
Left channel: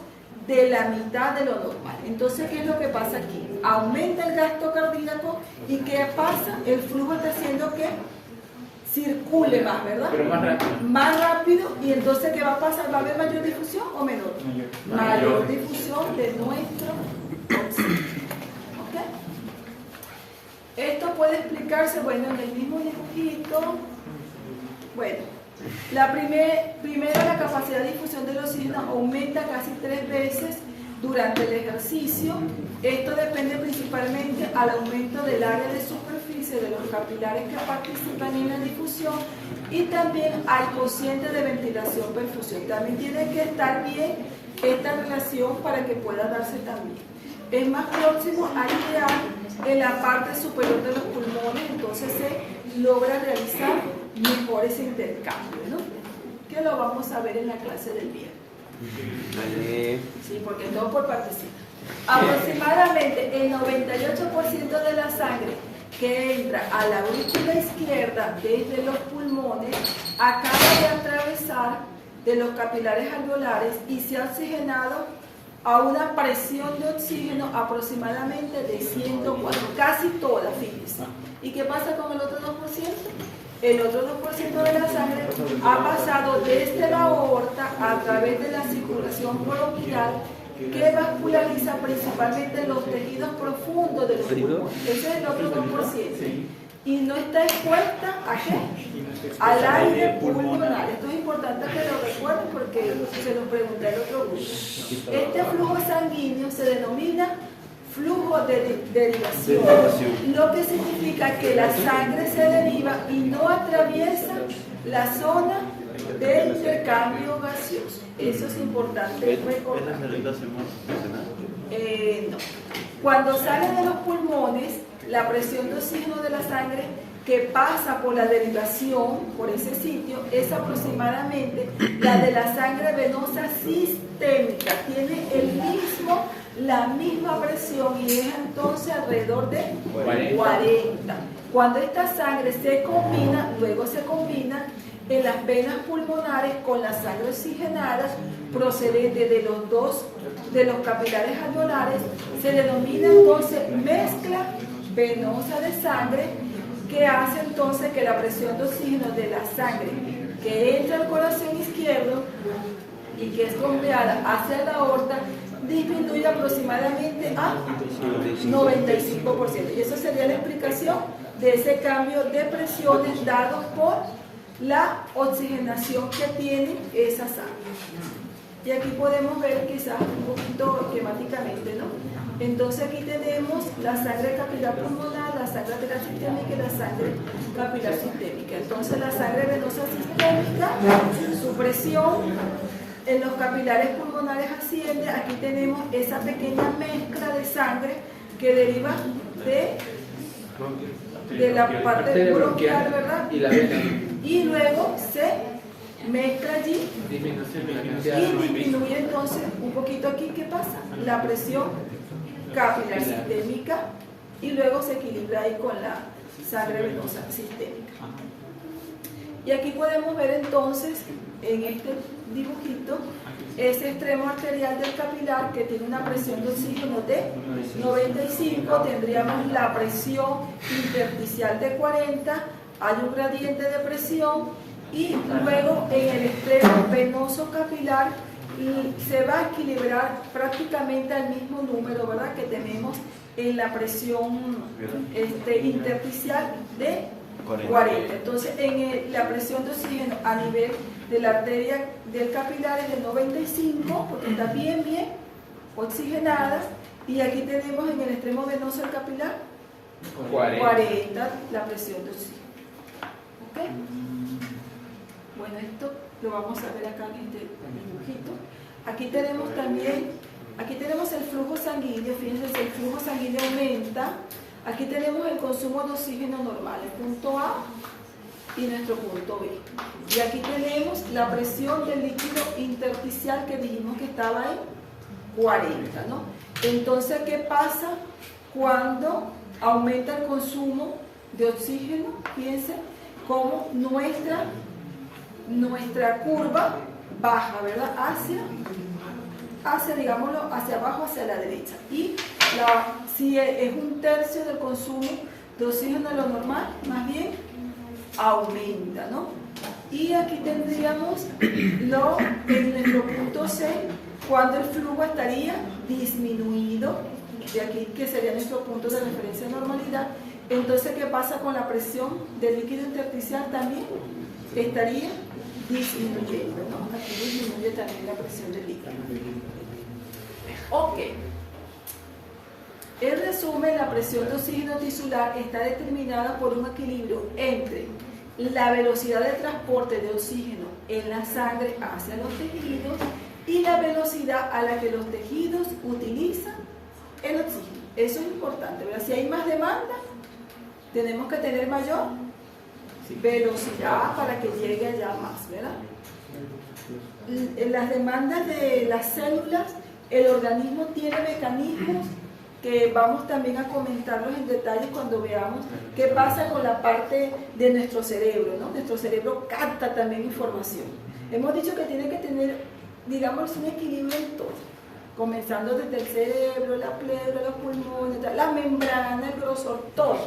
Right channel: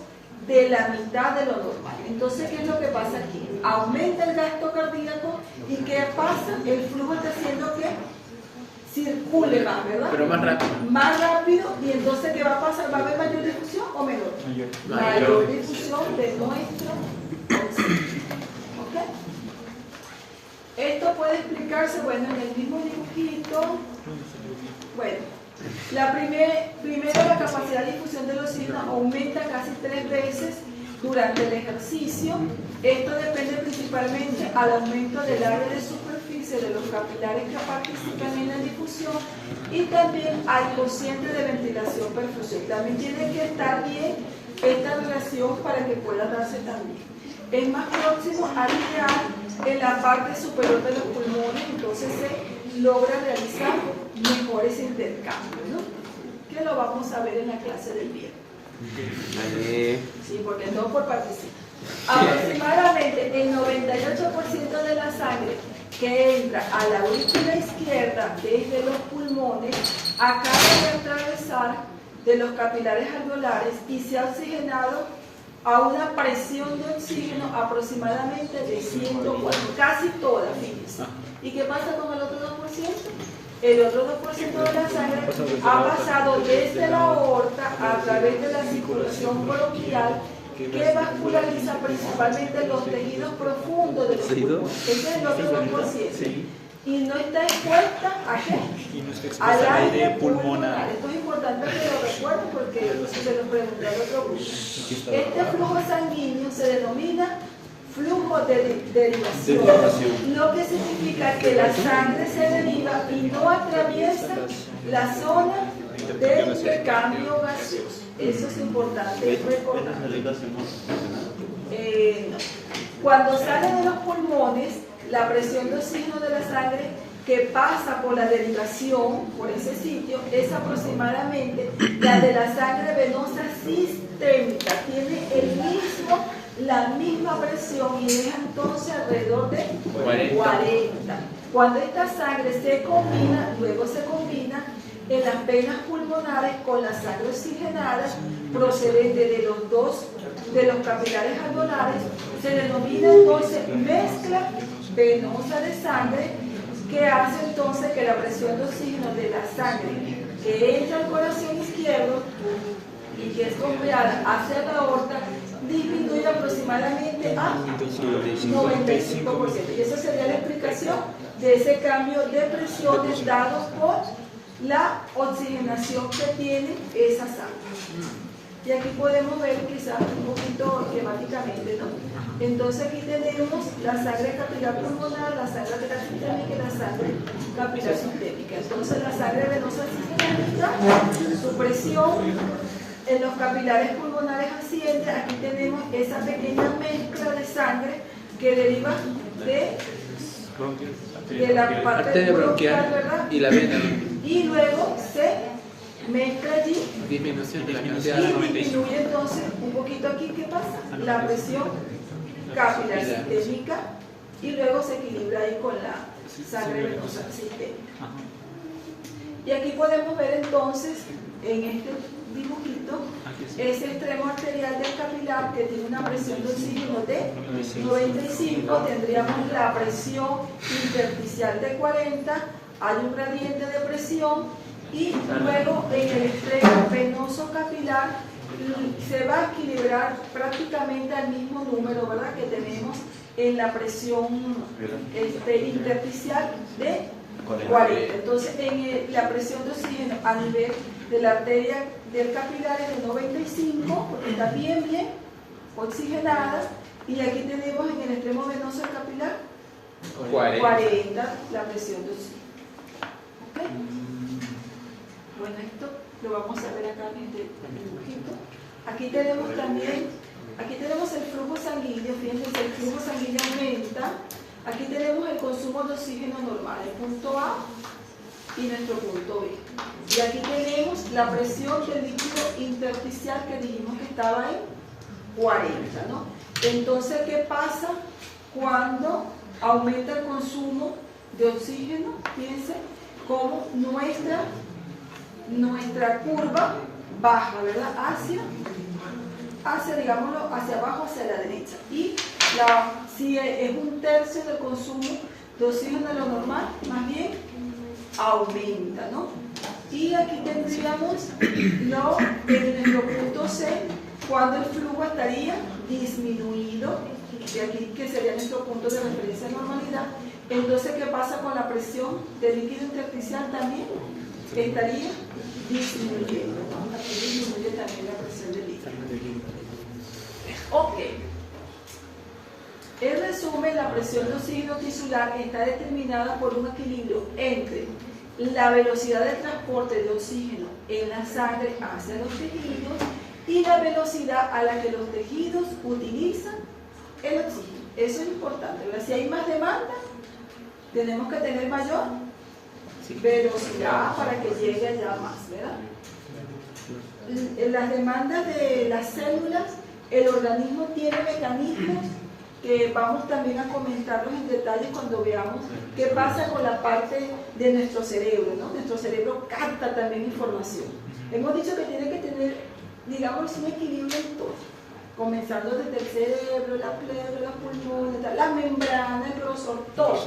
de la mitad de lo normal. Entonces, ¿qué es lo que pasa aquí? Aumenta el gasto cardíaco y ¿qué pasa? El flujo está haciendo que circule más, ¿verdad? Pero más rápido. Más rápido, y entonces ¿qué va a pasar? ¿Va a haber mayor difusión o menor? Mayor difusión de nuestro oxígeno. ¿Ok? Esto puede explicarse, bueno, en el mismo dibujito. Bueno, la primera, la capacidad de difusión del oxígeno aumenta casi 3 veces durante el ejercicio. Esto depende principalmente al aumento del área de superficie de los capilares que participan en la difusión y también al cociente de ventilación-perfusión. También tiene que estar bien esta relación para que pueda darse también. Es más próximo al ideal en la parte superior de los pulmones, entonces se logra realizar mejores intercambios, ¿no? Que lo vamos a ver en la clase del viernes. Vale. Sí, porque todo por participación. Aproximadamente el 98% de la sangre que entra a la aurícula izquierda desde los pulmones acaba de atravesar de los capilares alveolares y se ha oxigenado a una presión de oxígeno aproximadamente de 104, casi toda, fíjense. ¿Y qué pasa con el otro 2%? El otro 2% de la sangre ha pasado desde la aorta a través de la circulación bronquial que vasculariza principalmente los tejidos profundos de los pulmones. Ese es el otro 2%. Y no está expuesta ¿a qué? Al aire pulmonar. Esto es importante que lo recuerden porque se lo pregunté al otro grupo. Este flujo sanguíneo se denomina flujo de derivación, lo que significa que la sangre se deriva y no atraviesa la zona de intercambio gaseoso. Eso es importante recordar. No. Cuando sale de los pulmones, la presión de oxígeno de la sangre que pasa por la derivación, por ese sitio, es aproximadamente la de la sangre venosa sistémica. Tiene la misma presión y es entonces alrededor de 40. Cuando esta sangre se combina, luego se combina en las venas pulmonares con la sangre oxigenada procedente de los capilares alveolares, se denomina entonces mezcla venosa de sangre, que hace entonces que la presión de oxígeno de la sangre que entra al corazón izquierdo y que es bombeada hacia la aorta disminuye aproximadamente a 95%. Y esa sería la explicación de ese cambio de presiones dado por la oxigenación que tiene esa sangre. Y aquí podemos ver quizás un poquito esquemáticamente, ¿no? Entonces aquí tenemos la sangre capilar pulmonar, la sangre arterial sistémica y la sangre capilar sistémica. Entonces la sangre venosa sistémica, su presión en los capilares pulmonares asciende. Aquí tenemos esa pequeña mezcla de sangre que deriva de la parte bronquial, ¿verdad? Y la vena. Y luego se mezcla allí Disminución de la cantidad de y disminuye entonces un poquito aquí. ¿Qué pasa? La presión capilar sistémica y luego se equilibra ahí con la sangre venosa sistémica. Y aquí podemos ver entonces en este dibujito ese extremo arterial del capilar que tiene una presión de oxígeno de 95, tendríamos la presión intersticial de 40, hay un gradiente de presión y luego en el extremo venoso capilar se va a equilibrar prácticamente al mismo número, ¿verdad?, que tenemos en la presión intersticial de 40. Entonces, la presión de oxígeno a nivel de la arteria del capilar es de 95, porque está bien oxigenada, y aquí tenemos en el extremo venoso del capilar 40 la presión de oxígeno. ¿Okay? Bueno, esto lo vamos a ver acá en este dibujito. Aquí tenemos también, aquí tenemos el flujo sanguíneo. Fíjense, el flujo sanguíneo aumenta. Aquí tenemos el consumo de oxígeno normal, el punto A y nuestro punto B. Y aquí tenemos la presión del líquido intersticial que dijimos que estaba en 40, ¿no? Entonces, ¿qué pasa cuando aumenta el consumo de oxígeno. Fíjense cómo nuestra curva baja, ¿verdad? Hacia, digámoslo, hacia abajo, hacia la derecha. Y si es un tercio del consumo de oxígeno de lo normal, más bien aumenta, ¿no? Y aquí tendríamos en nuestro punto C, cuando el flujo estaría disminuido, de aquí que sería nuestro punto de referencia de normalidad. Entonces, ¿qué pasa con la presión del líquido intersticial? También estaría disminuyendo, ¿no? Aquí disminuye también la presión del líquido. Ok. En resumen, la presión de oxígeno tisular está determinada por un equilibrio entre la velocidad de transporte de oxígeno en la sangre hacia los tejidos y la velocidad a la que los tejidos utilizan el oxígeno. Eso es importante, ¿verdad? Si hay más demanda, tenemos que tener mayor velocidad para que llegue allá más, ¿verdad? En las demandas de las células, el organismo tiene mecanismos que vamos también a comentarlos en detalle cuando veamos qué pasa con la parte de nuestro cerebro, ¿no? Nuestro cerebro capta también información. Hemos dicho que tiene que tener, digamos, un equilibrio en todo, comenzando desde el cerebro, la pleura, los pulmones, la membrana, el grosor, todo,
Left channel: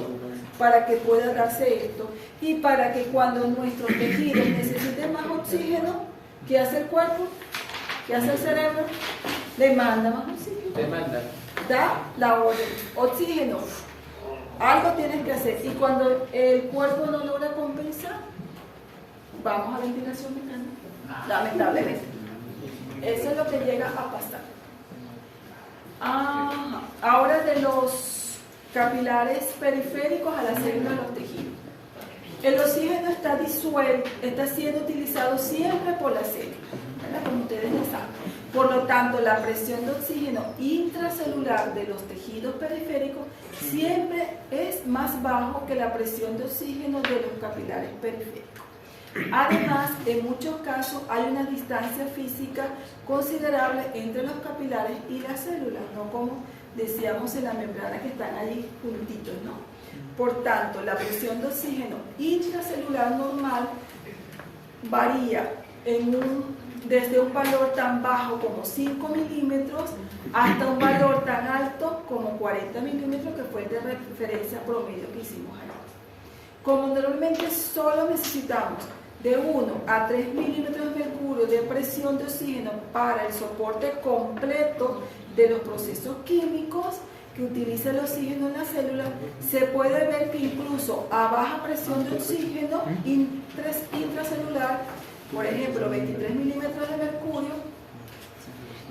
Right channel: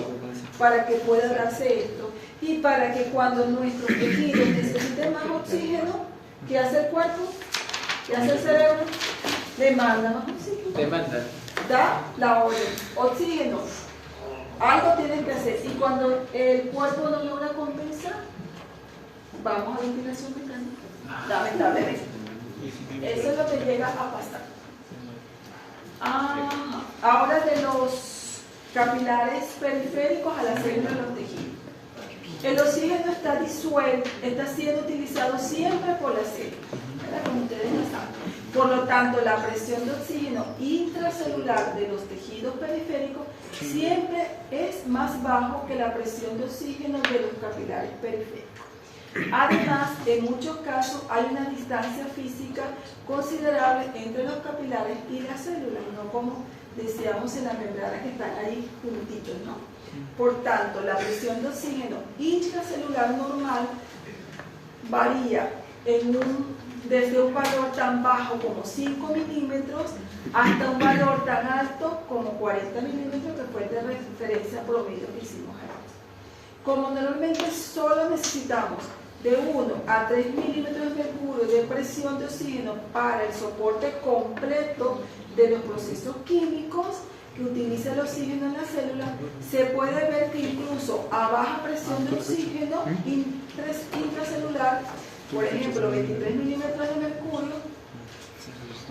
para que pueda darse esto. Y para que cuando nuestros tejidos necesiten más oxígeno, ¿qué hace el cuerpo? ¿Qué hace el cerebro? Demanda más oxígeno. Demanda. Da la orden, oxígeno, algo tienes que hacer. Y cuando el cuerpo no logra compensar, vamos a ventilación mecánica, lamentablemente. Eso es lo que llega a pasar. Ahora de los capilares periféricos a la célula de los tejidos. El oxígeno está siendo utilizado siempre por la célula, ¿verdad? Como ustedes lo saben. Por lo tanto, la presión de oxígeno intracelular de los tejidos periféricos siempre es más bajo que la presión de oxígeno de los capilares periféricos. Además, en muchos casos hay una distancia física considerable entre los capilares y las células, no como decíamos en la membrana que están ahí juntitos, ¿no? Por tanto, la presión de oxígeno intracelular normal varía desde un valor tan bajo como 5 milímetros hasta un valor tan alto como 40 milímetros, que fue de referencia promedio que hicimos antes. Como normalmente solo necesitamos de 1 a 3 milímetros de mercurio de presión de oxígeno para el soporte completo de los procesos químicos que utiliza el oxígeno en la célula, se puede ver que incluso a baja presión de oxígeno intracelular, por ejemplo 23 milímetros de mercurio,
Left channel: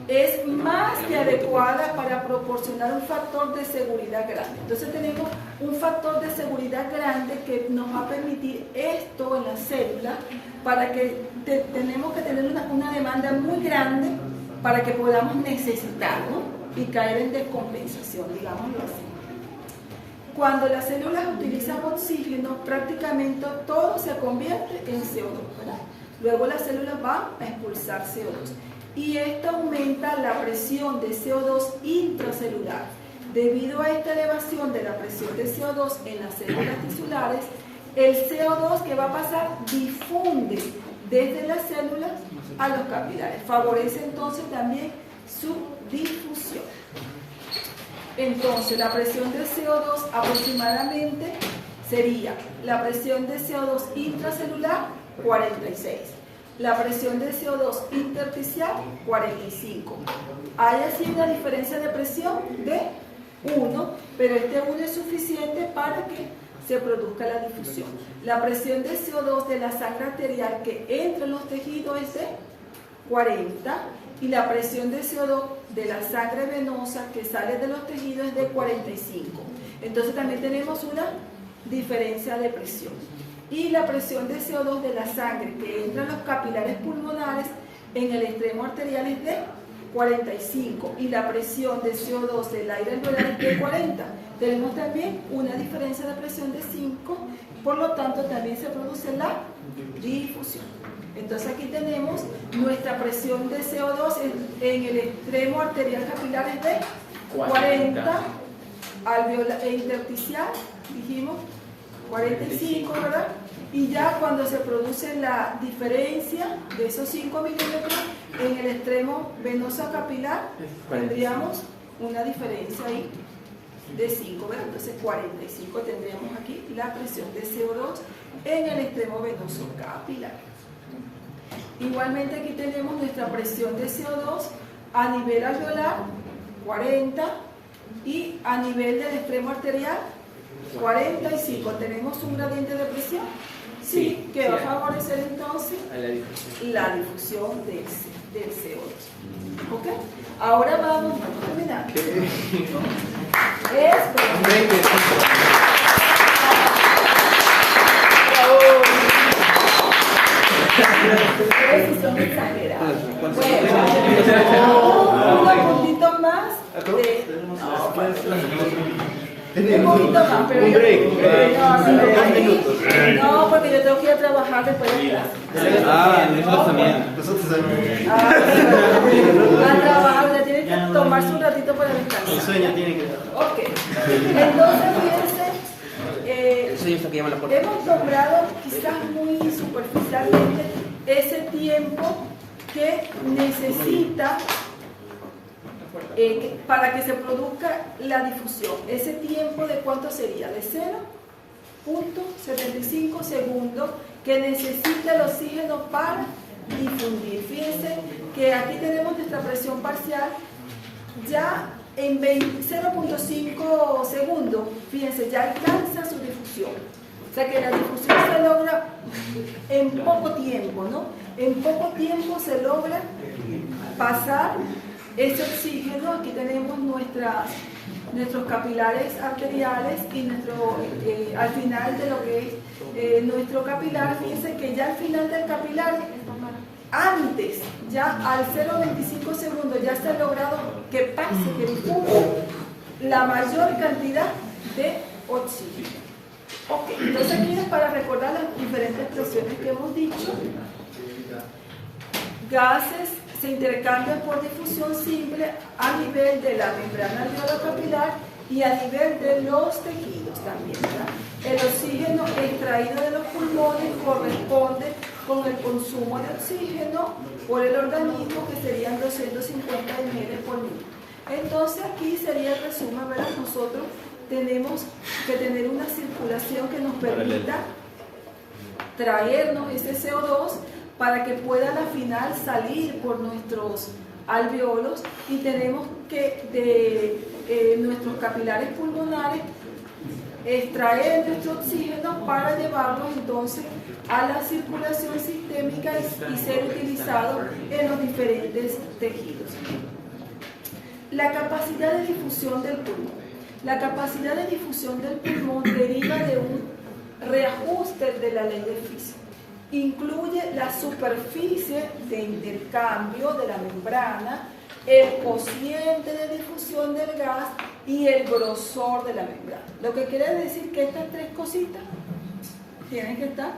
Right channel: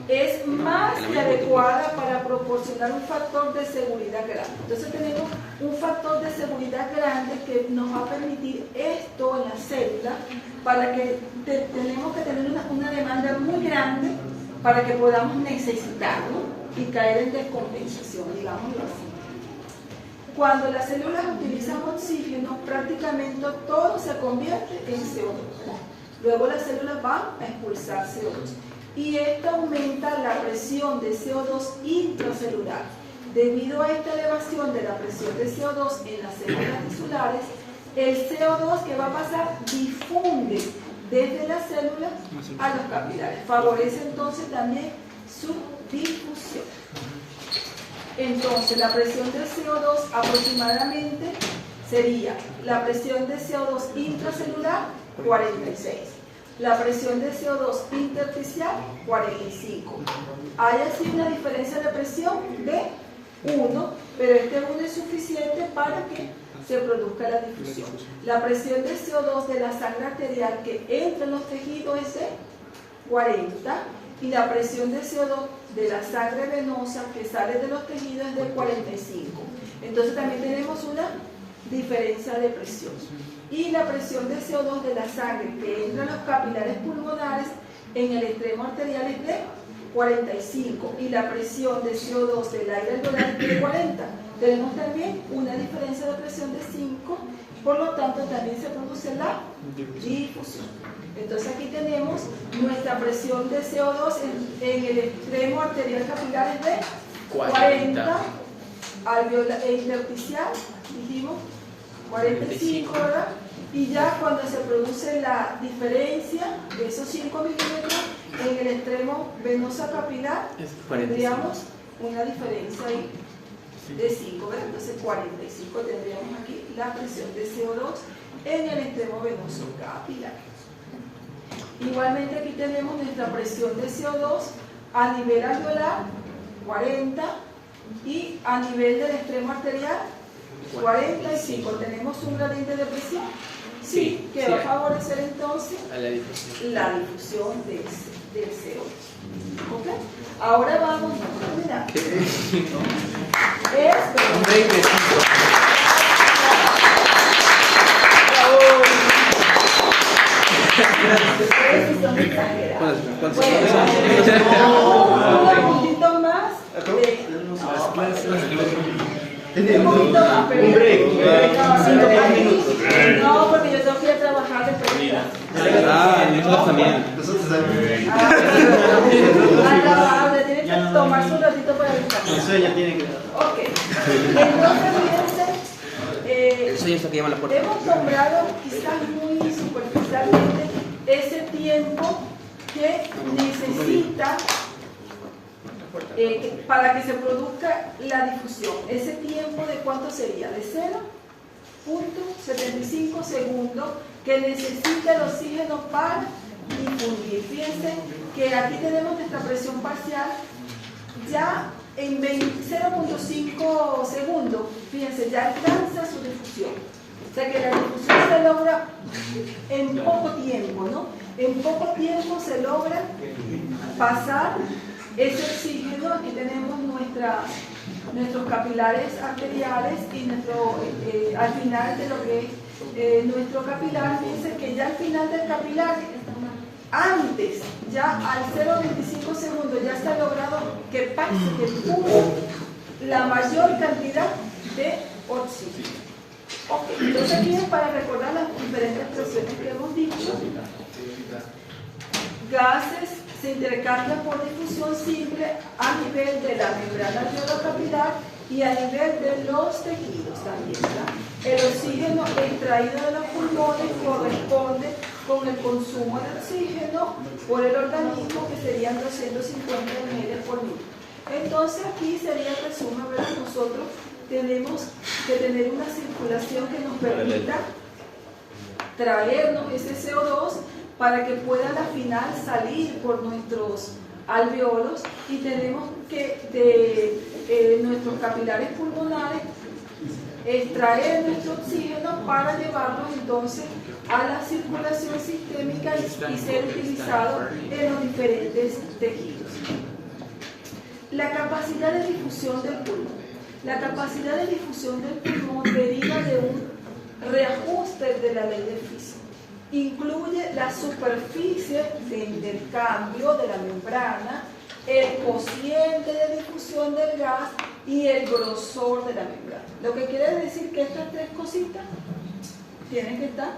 es más que adecuada para proporcionar un factor de seguridad grande. Entonces tenemos un factor de seguridad grande que nos va a permitir esto en la célula, para que tenemos que tener una demanda muy grande para que podamos necesitarlo y caer en descompensación, digámoslo así. Cuando las células utilizan oxígeno, prácticamente todo se convierte en CO2, ¿verdad? Luego las células van a expulsar CO2. Y esto aumenta la presión de CO2 intracelular. Debido a esta elevación de la presión de CO2 en las células tisulares, el CO2 que va a pasar difunde desde las células a los capilares. Favorece entonces también su difusión. Entonces, la presión de CO2 aproximadamente sería la presión de CO2 intracelular 46. La presión de CO2 intersticial, 45. Hay así una diferencia de presión de 1, pero este 1 es suficiente para que se produzca la difusión. La presión de CO2 de la sangre arterial que entra en los tejidos es de 40 y la presión de CO2 de la sangre venosa que sale de los tejidos es de 45. Entonces también tenemos una diferencia de presión. Y la presión de CO2 de la sangre que entra en los capilares pulmonares en el extremo arterial es de 45 y la presión de CO2 del aire alveolar es de 40. Tenemos también una diferencia de presión de 5, por lo tanto también se produce la difusión. Entonces aquí tenemos nuestra presión de CO2 en el extremo arterial capilar es de 40 alveolar e intersticial, dijimos 45, ¿verdad? Y ya cuando se produce la diferencia de esos 5 milímetros en el extremo venoso capilar, tendríamos una diferencia ahí de 5, ¿verdad? Entonces 45 tendríamos aquí la presión de CO2 en el extremo venoso capilar. Igualmente aquí tenemos nuestra presión de CO2 a nivel alveolar, 40, y a nivel del extremo arterial, 45. ¿Tenemos un gradiente de presión? Sí, que va a favorecer entonces la difusión del CO2. ¿Ok? Ahora vamos a terminar. Ustedes son exagerados. Un poquito más. Un poquito más, pero no, porque yo tengo que ir a trabajar después de clase. Nosotros también. Nosotros también. A trabajar, tiene que tomarse un ratito para descansar. El sueño tiene que. Ok. Entonces, fíjense, El sueño está que llama la puerta. hemos nombrado quizás muy superficialmente ese tiempo que necesita para que se produzca la difusión. Ese tiempo de cuánto sería, de 0.75 segundos que necesita el oxígeno para difundir. Fíjense que aquí tenemos nuestra presión parcial ya en 0.5 segundos, fíjense, ya alcanza su difusión. O sea que la difusión se logra en poco tiempo, ¿no? En poco tiempo se logra pasar ese oxígeno. Aquí tenemos nuestros capilares arteriales y al final de lo que es nuestro capilar, fíjense que ya al final del capilar, antes, ya al 0.25 segundos, ya se ha logrado que pase, que difunda la mayor cantidad de oxígeno. Ok, entonces aquí es para recordar las diferentes presiones que hemos dicho. Gases se intercambian por difusión simple a nivel de la membrana alveolo-capilar y a nivel de los tejidos también, ¿verdad? El oxígeno extraído de los pulmones corresponde con el consumo de oxígeno por el organismo, que serían 250 ml por minuto. Entonces aquí sería el resumen, ¿verdad? Nosotros tenemos que tener una circulación que nos permita traernos ese CO2 para que pueda al final salir por nuestros alveolos, y tenemos que de nuestros capilares pulmonares extraer nuestro oxígeno para llevarlo entonces a la circulación sistémica y ser utilizado en los diferentes tejidos. La capacidad de difusión del pulmón. La capacidad de difusión del pulmón deriva de un reajuste de la ley del físico. Incluye la superficie de intercambio de la membrana, el cociente de difusión del gas y el grosor de la membrana. Lo que quiere decir que estas tres cositas tienen que estar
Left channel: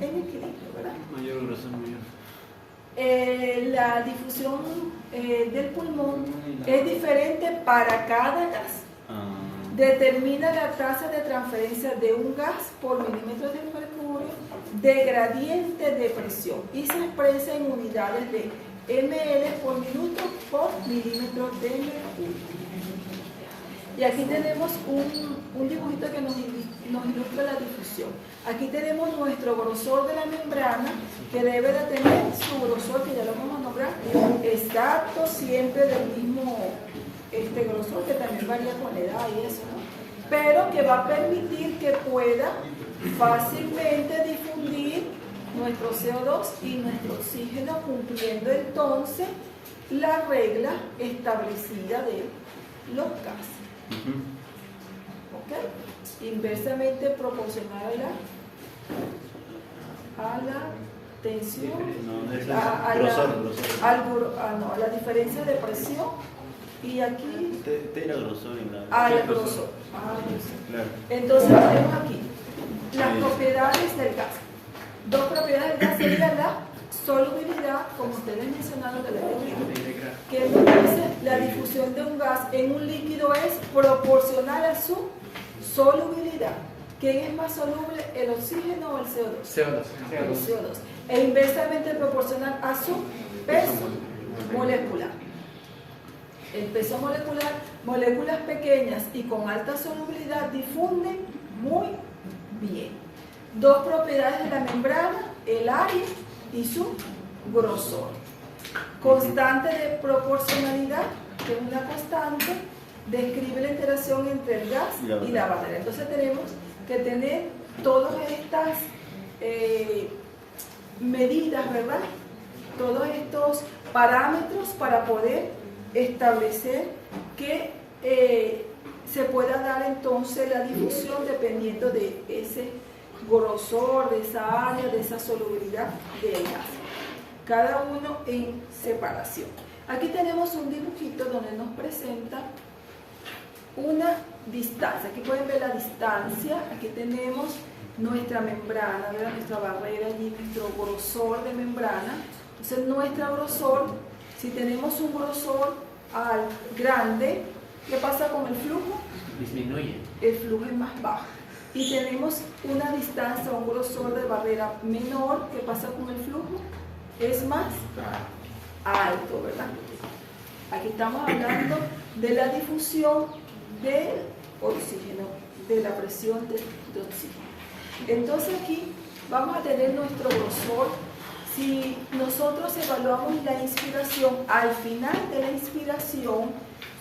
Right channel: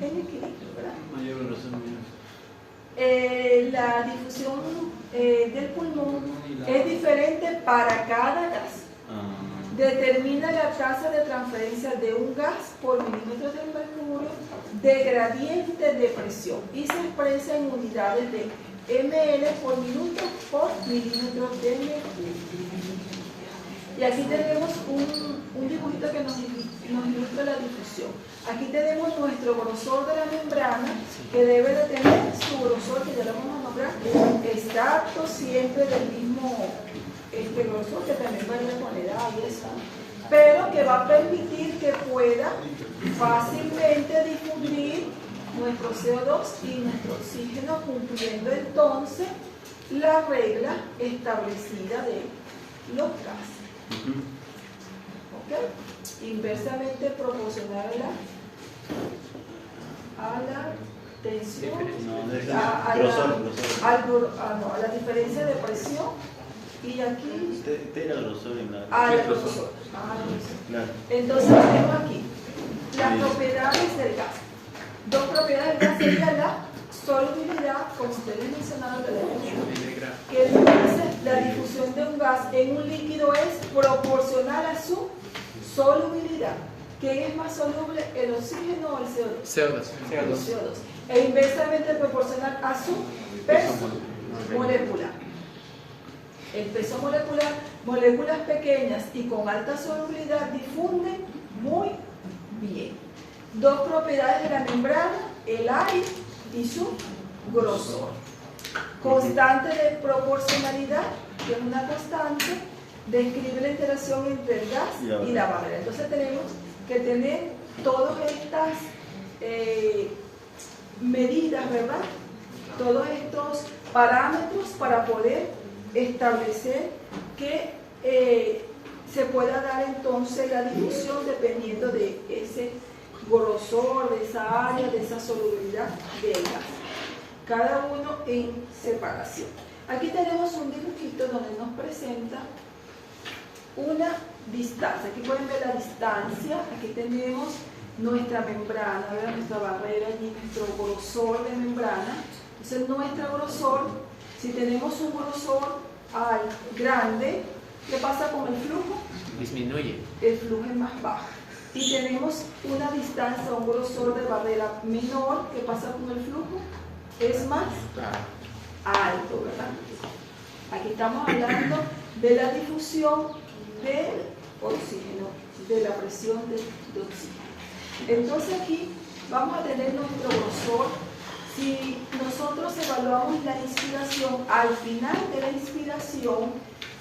en equilibrio, ¿verdad? Mayor grosor, mayor. La difusión del pulmón es diferente para cada gas. Determina la tasa de transferencia de un gas por milímetro de mercurio de gradiente de presión y se expresa en unidades de ml por minuto por milímetro de mercurio. Y aquí tenemos un dibujito que nos ilustra la difusión. Aquí tenemos nuestro grosor de la membrana, que debe de tener su grosor, que ya lo vamos a nombrar, exacto, siempre del mismo grosor, que también varía con la edad y eso, pero que va a permitir que pueda fácilmente difundir nuestro CO2 y nuestro oxígeno, cumpliendo entonces la regla establecida de los gases. ¿Ok? Inversamente proporcional a la tensión, a la diferencia de presión. Y aquí al grosor. Claro. Entonces tenemos aquí las propiedades del gas. Dos propiedades del gas serían la solubilidad, como ustedes mencionaron, que dice la difusión de un gas en un líquido es proporcional a su solubilidad. ¿Quién es más soluble, el oxígeno o el CO2? CO2. El CO2. E inversamente proporcional a su peso molecular. El peso molecular, moléculas pequeñas y con alta solubilidad difunden muy bien. Dos propiedades de la membrana, el aire y su grosor. Constante de proporcionalidad, que es una constante, describe la interacción entre el gas y la barrera. Entonces tenemos que tener todas estas medidas, ¿verdad? Todos estos parámetros para poder establecer que se pueda dar entonces la difusión dependiendo de ese grosor, de esa área, de esa solubilidad del gas. Cada uno en separación. Aquí tenemos un dibujito donde nos presenta una distancia. Aquí pueden ver la distancia. Aquí tenemos nuestra membrana, ¿verdad? Nuestra barrera allí, nuestro grosor de membrana. Entonces, nuestro grosor, si tenemos un grosor grande, ¿qué pasa con el flujo? Disminuye. El flujo es más bajo. Y tenemos una distancia, un grosor de barrera menor, ¿qué pasa con el flujo? Es más alto, ¿verdad? Aquí estamos hablando de la difusión del oxígeno, de la presión de oxígeno. Entonces aquí vamos a tener nuestro grosor. Si nosotros evaluamos la inspiración, al final de la inspiración,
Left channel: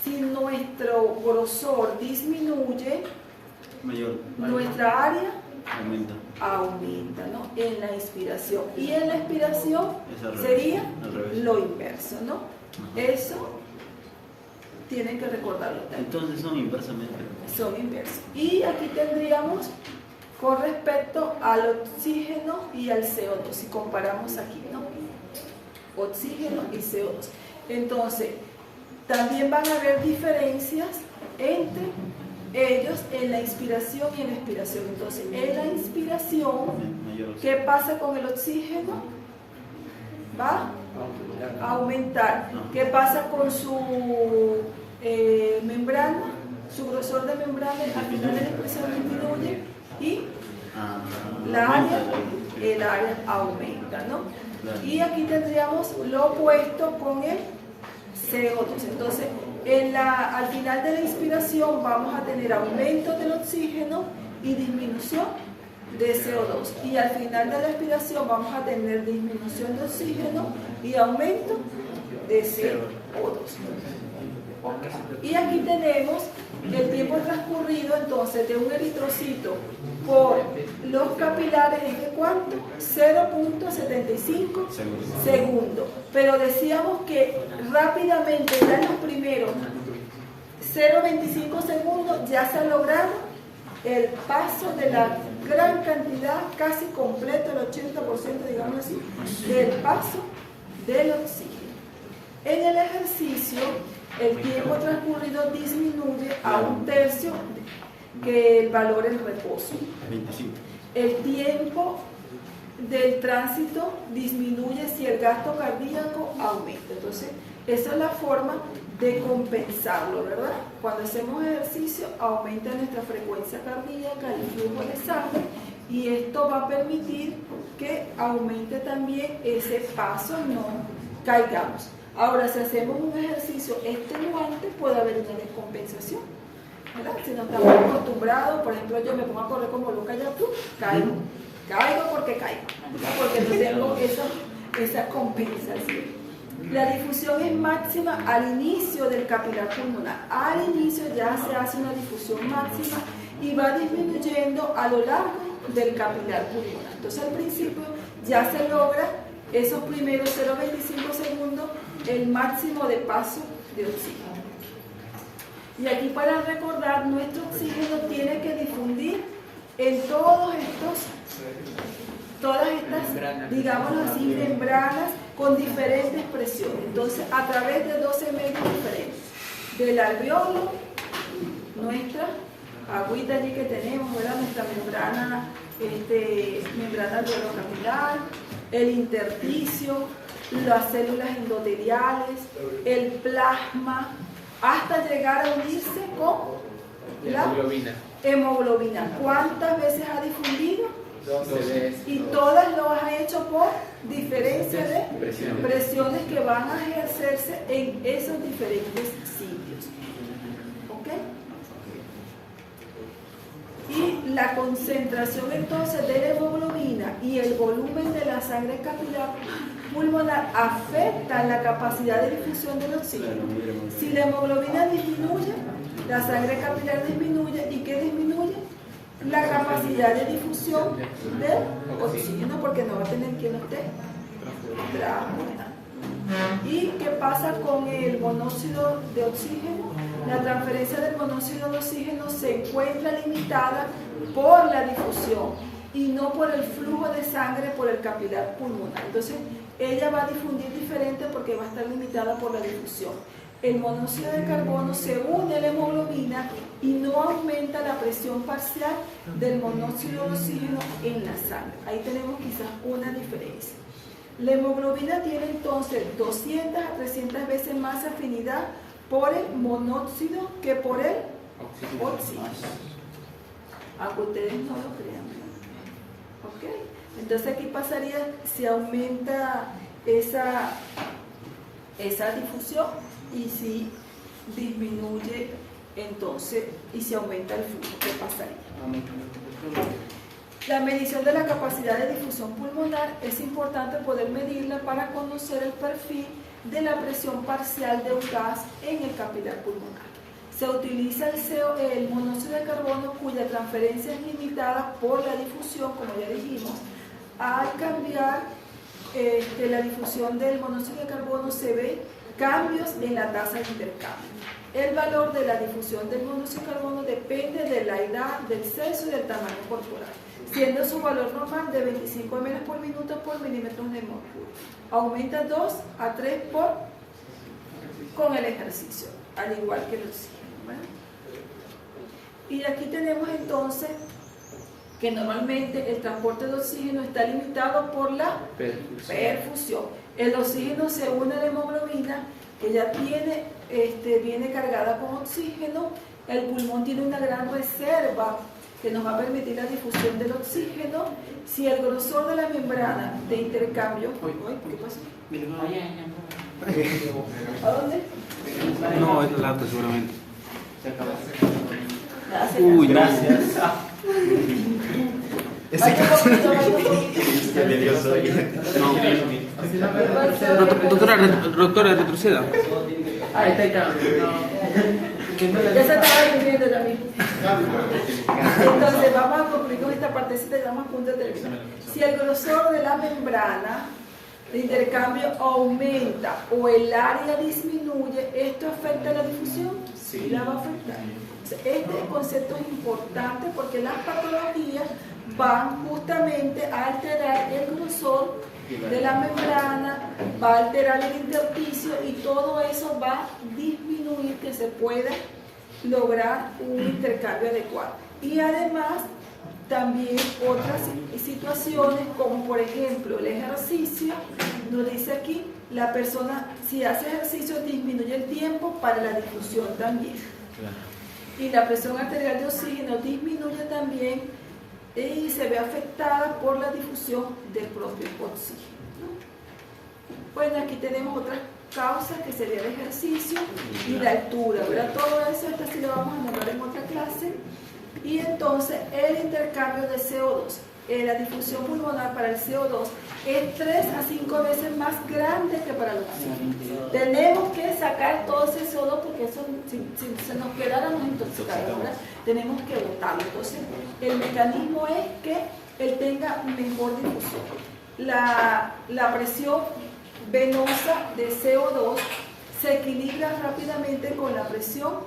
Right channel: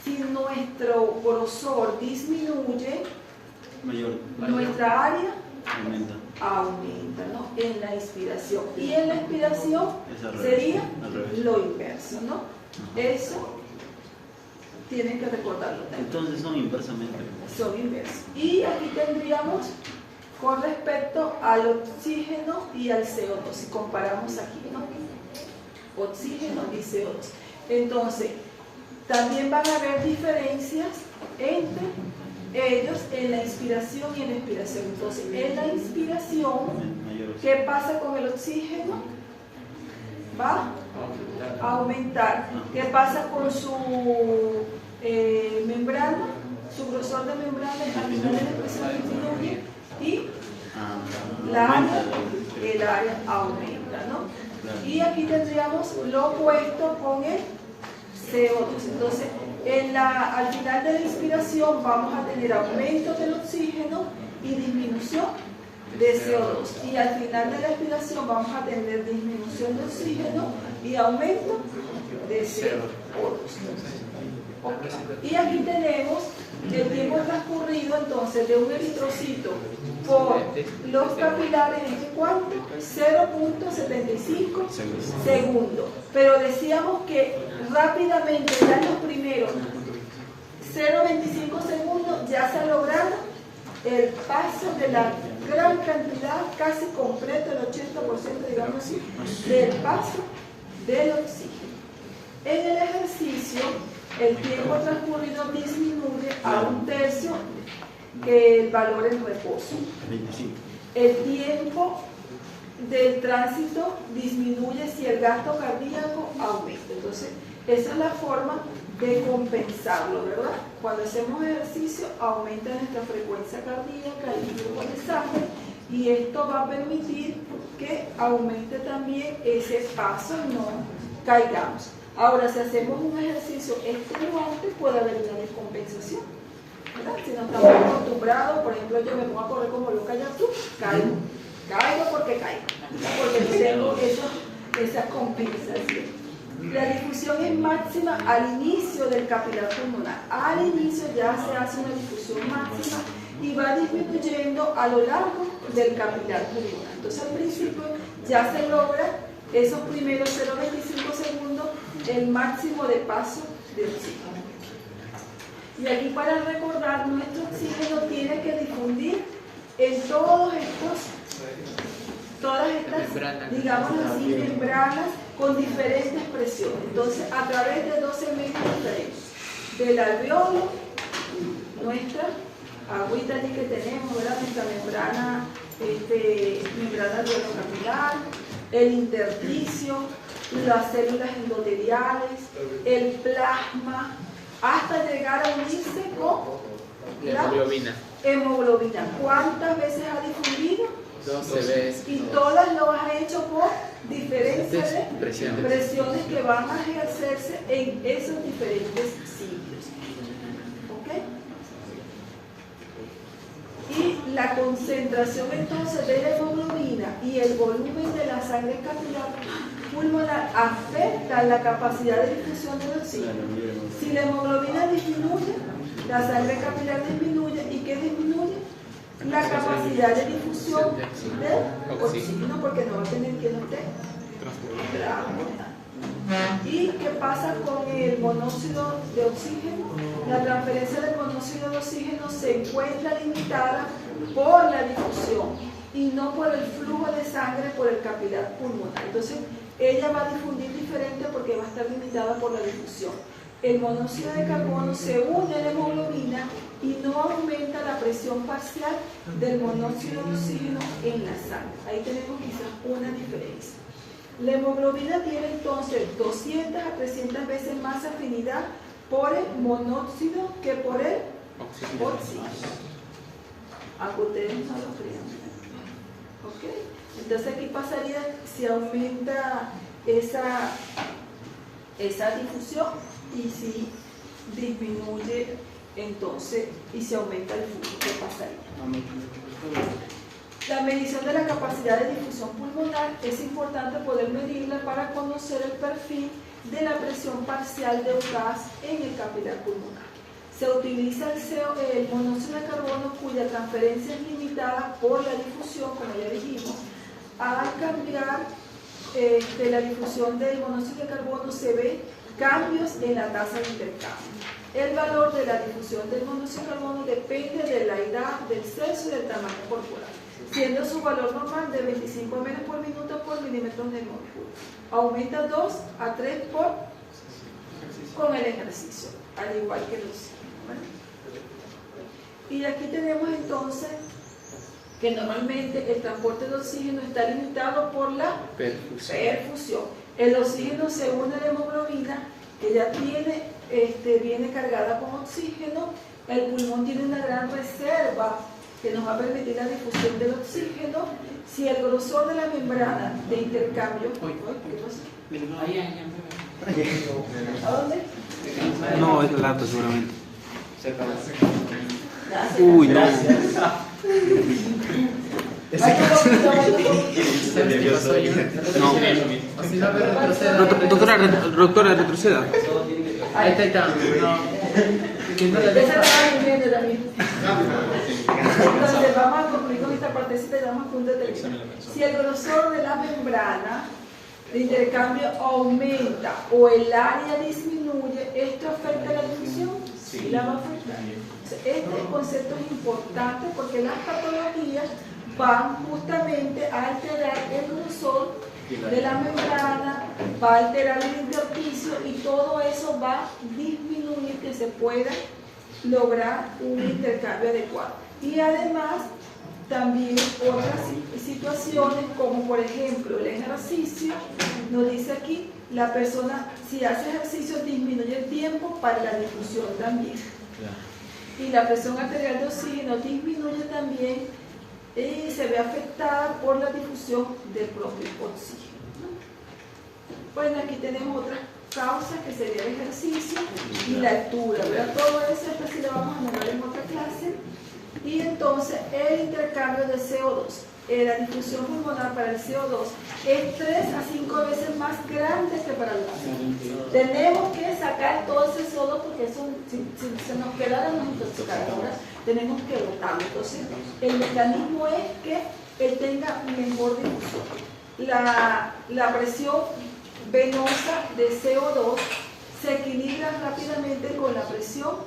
si nuestro grosor disminuye, nuestra área aumenta, ¿no? En la inspiración. Y en la expiración sería lo inverso, ¿no? Eso tienen que recordarlo. Entonces son inversamente. Son inversos. Y aquí tendríamos con respecto al oxígeno y al CO2, si comparamos aquí, ¿no? Oxígeno y CO2. Entonces, también van a haber diferencias entre ellos en la inspiración y en la expiración. Entonces, en la inspiración, ¿qué pasa con el oxígeno? Va a aumentar. ¿Qué pasa con su membrana? Su grosor de membrana al final de la expresión disminuye y el área aumenta, ¿no? Y aquí tendríamos lo opuesto con el CO2. Entonces, al final de la inspiración vamos a tener aumento del oxígeno y disminución de CO2. Y al final de la expiración vamos a tener disminución de oxígeno y aumento de CO2. Y aquí tenemos el tiempo transcurrido entonces de un eritrocito por los capilares es de ¿cuánto? 0.75 segundos. Pero decíamos que rápidamente ya en los primeros 0.25 segundos ya se ha logrado el paso de la gran cantidad, casi completo, el 80%, digamos así, del paso del oxígeno. En el ejercicio, el tiempo transcurrido disminuye a 1/3 que el valor en reposo. El tiempo del tránsito disminuye si el gasto cardíaco aumenta. Entonces, esa es la forma de compensarlo, ¿verdad? Cuando hacemos ejercicio, aumenta nuestra frecuencia cardíaca, el flujo de sangre, y esto va a permitir que aumente también ese paso, no caigamos. Ahora, si hacemos un ejercicio extenuante, puede haber una descompensación, ¿verdad? Si no estamos acostumbrados, por ejemplo, yo me pongo a correr como loca, ya tú, caigo porque caigo, porque tengo esa compensación. La difusión es máxima al inicio del capilar pulmonar. Al inicio ya se hace una difusión máxima y va disminuyendo a lo largo del capilar pulmonar. Entonces, al principio ya se logra esos primeros 0.25 segundos el máximo de paso de oxígeno. Y aquí, para recordar, nuestro oxígeno tiene que difundir en todas estas, digamos así, membranas con diferentes presiones. Entonces, a través de 12 medios diferentes. Del alveolo, nuestra agüita allí que tenemos, ¿verdad? Nuestra membrana alveolocapilar, el intersticio, las células endoteliales, el plasma, hasta llegar a unirse con la Hemoglobina. hemoglobina. ¿Cuántas veces ha difundido? 12 veces. Y todas lo ha hecho por diferencia de Presiones. presiones que van a ejercerse en esos diferentes sitios. ¿Ok? Y la concentración entonces de la hemoglobina y el volumen de la sangre capilar pulmonar afectan la capacidad de difusión del oxígeno. Si la hemoglobina disminuye, la sangre capilar disminuye. ¿Y qué disminuye? La capacidad de difusión del oxígeno, porque no va a tener quien esté transportando. ¿Y qué pasa con el monóxido de oxígeno? La transferencia del monóxido de oxígeno se encuentra limitada por la difusión y no por el flujo de sangre por el capilar pulmonar. Entonces, ella va a difundir diferente porque va a estar limitada por la difusión. El monóxido de carbono se une a la hemoglobina y no aumenta la presión parcial del monóxido de oxígeno en la sangre. Ahí tenemos quizás una diferencia. La hemoglobina tiene entonces 200 a 300 veces más afinidad por el monóxido que por el oxígeno. Aunque ustedes no lo crean. ¿Ok? Entonces aquí pasaría si aumenta esa difusión y si disminuye entonces y si aumenta el flujo, ¿qué pasaría? La medición de la capacidad de difusión pulmonar es importante poder medirla para conocer el perfil de la presión parcial de un gas en el capilar pulmonar. Se utiliza el monóxido de carbono cuya transferencia es limitada por la difusión, como ya dijimos. Al cambiar la difusión del monóxido de carbono se ve cambios en la tasa de intercambio. El valor de la difusión del monóxido de carbono depende de la edad, del sexo y del tamaño corporal, siendo su valor normal de 25 ml por minuto por milímetro de mercurio. Aumenta 2 a 3 con el ejercicio, al igual que los. ¿Bueno? Y aquí tenemos entonces que normalmente el transporte de oxígeno está limitado por la perfusión. El oxígeno se une a la hemoglobina, que ya viene cargada con oxígeno. El pulmón tiene una gran reserva que nos va a permitir la difusión del oxígeno. Si el grosor de la membrana de intercambio... ¿Qué pasó? ¿A dónde? No, es el laptop seguramente. Gracias. Uy, no. Doctora, retroceda. Ahí está. Ya se está reuniendo también. Entonces vamos a concluir con esta partecita y damos punto de terminar. Si el grosor de la membrana de intercambio aumenta o el área disminuye, ¿esto afecta la difusión? Sí, la va a afectar. Este concepto es importante porque las patologías van justamente a alterar el grosor de la membrana, va a alterar el intersticio y todo eso va a disminuir que se pueda lograr un intercambio adecuado. Y además, también otras situaciones como por ejemplo el ejercicio, nos dice aquí, la persona si hace ejercicio disminuye el tiempo para la difusión también. Y la presión arterial de oxígeno disminuye también y se ve afectada por la difusión del propio oxígeno. Bueno, aquí tenemos otras causas que sería el ejercicio y la altura, ¿verdad? Todo eso sí lo vamos a nombrar en otra clase. Y entonces el intercambio de CO2, la difusión pulmonar para el CO2 es 3 a 5 veces más grande que para el oxígeno. Tenemos que sacar todo ese CO2 porque eso, si se nos quedara una intoxicación, tenemos que botarlo. Entonces el mecanismo es que él tenga mejor difusión. La presión venosa de CO2 se equilibra rápidamente con la presión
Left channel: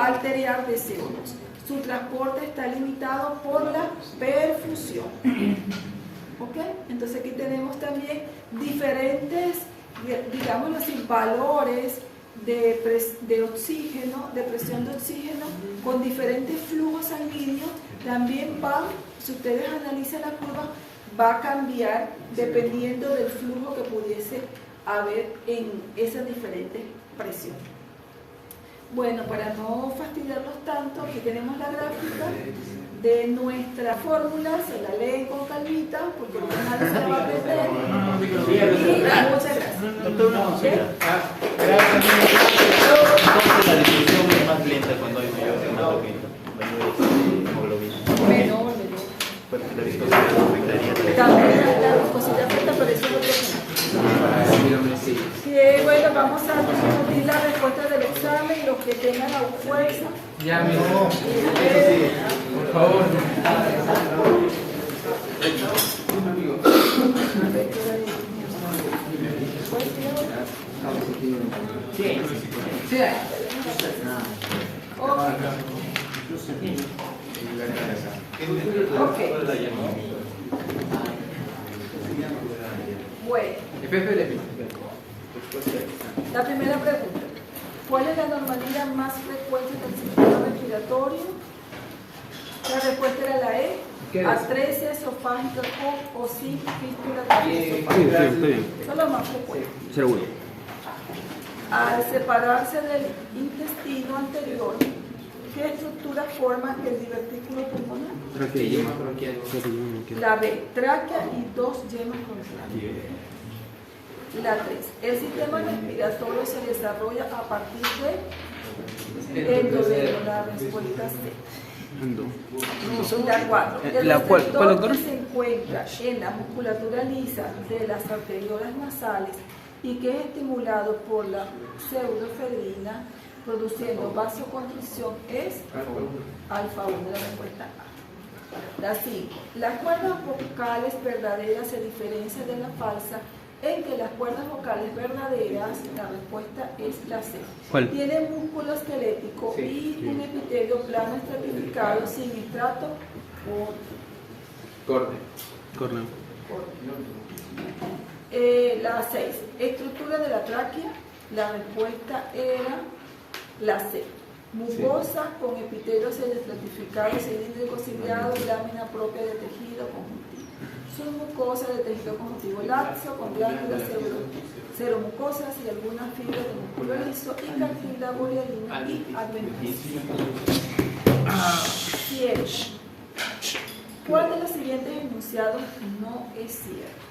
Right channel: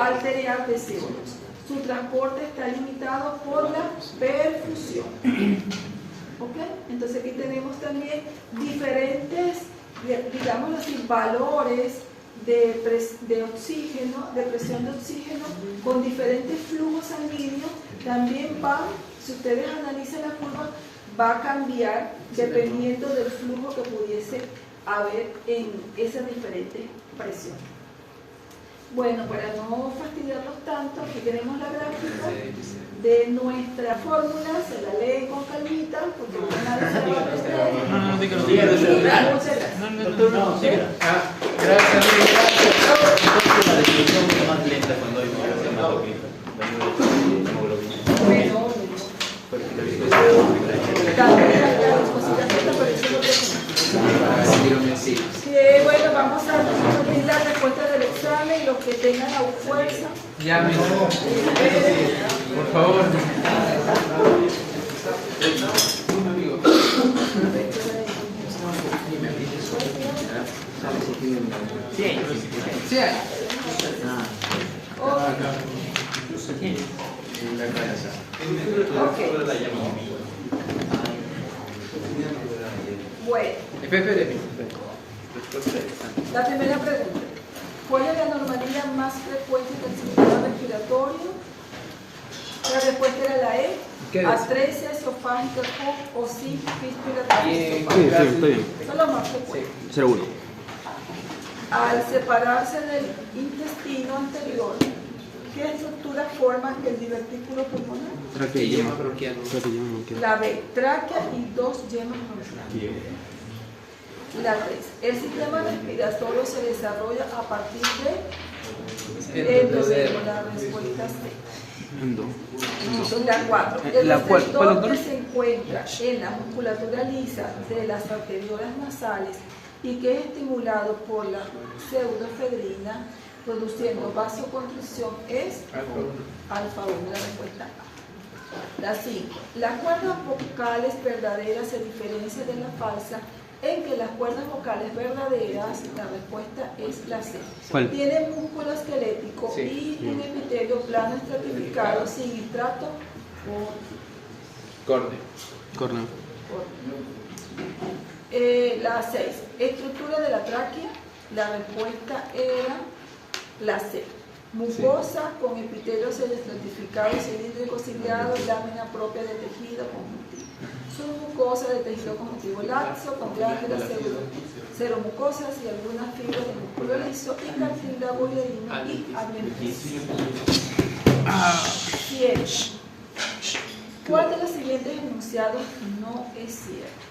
arterial de CO2. Su transporte está limitado por la perfusión. ¿Ok? Entonces aquí tenemos también diferentes, digámoslo así, valores de oxígeno, de presión de oxígeno, con diferentes flujos sanguíneos. También van, si ustedes analizan la curva, va a cambiar dependiendo del flujo que pudiese haber en esas diferentes presiones. Bueno, para no fastidiarlos tanto, aquí tenemos la gráfica de nuestra fórmula, se la leen con calmita, porque una vez se la va a aprender. Muchas gracias. Doctor, no, siga. Gracias. Entonces la distribución es más lenta cuando hay más poquito. Menor. La viscosidad afecta, pero eso es otro tema. Bueno, vamos a discutir las respuestas del examen, los que tengan la fuerza. Ya, por favor. Sí. Ok. Bueno, la primera pregunta. ¿Cuál es la anomalía más frecuente del sistema respiratorio? La respuesta era la E. Atresia esofágica con o sin fístula esofágica. Sí, está bien. Eso es lo más frecuente. 0-1. Al separarse del intestino anterior, ¿qué estructuras forman el divertículo pulmonar? Tráquea y yema. La B, tráquea y 2 yemas bronquiales. La 3, el sistema respiratorio se desarrolla a partir de endodemo, la respuesta C. La 4, el receptor que se encuentra en la musculatura lisa de las arteriolas nasales y que es estimulado por la pseudoefedrina produciendo vasoconstricción es alfa 1, la respuesta A. La 5, las cuerdas vocales verdaderas se diferencian de la falsa en que las cuerdas vocales verdaderas, la respuesta es la C. ¿Cuál? Tienen músculo esquelético y un epitelio plano estratificado sin estrato Córneo. La 6. Estructura de la tráquea, la respuesta era la C. Mucosa con epitelio estratificado, cilíndrico ciliado y lámina propia de tejido conjuntivo. Submucosa de tejido conjuntivo laxo con glándulas seromucosas y algunas fibras de músculo liso y cartílago hialino y adventicio. 7. ¿Cuál de los siguientes enunciados no es cierto?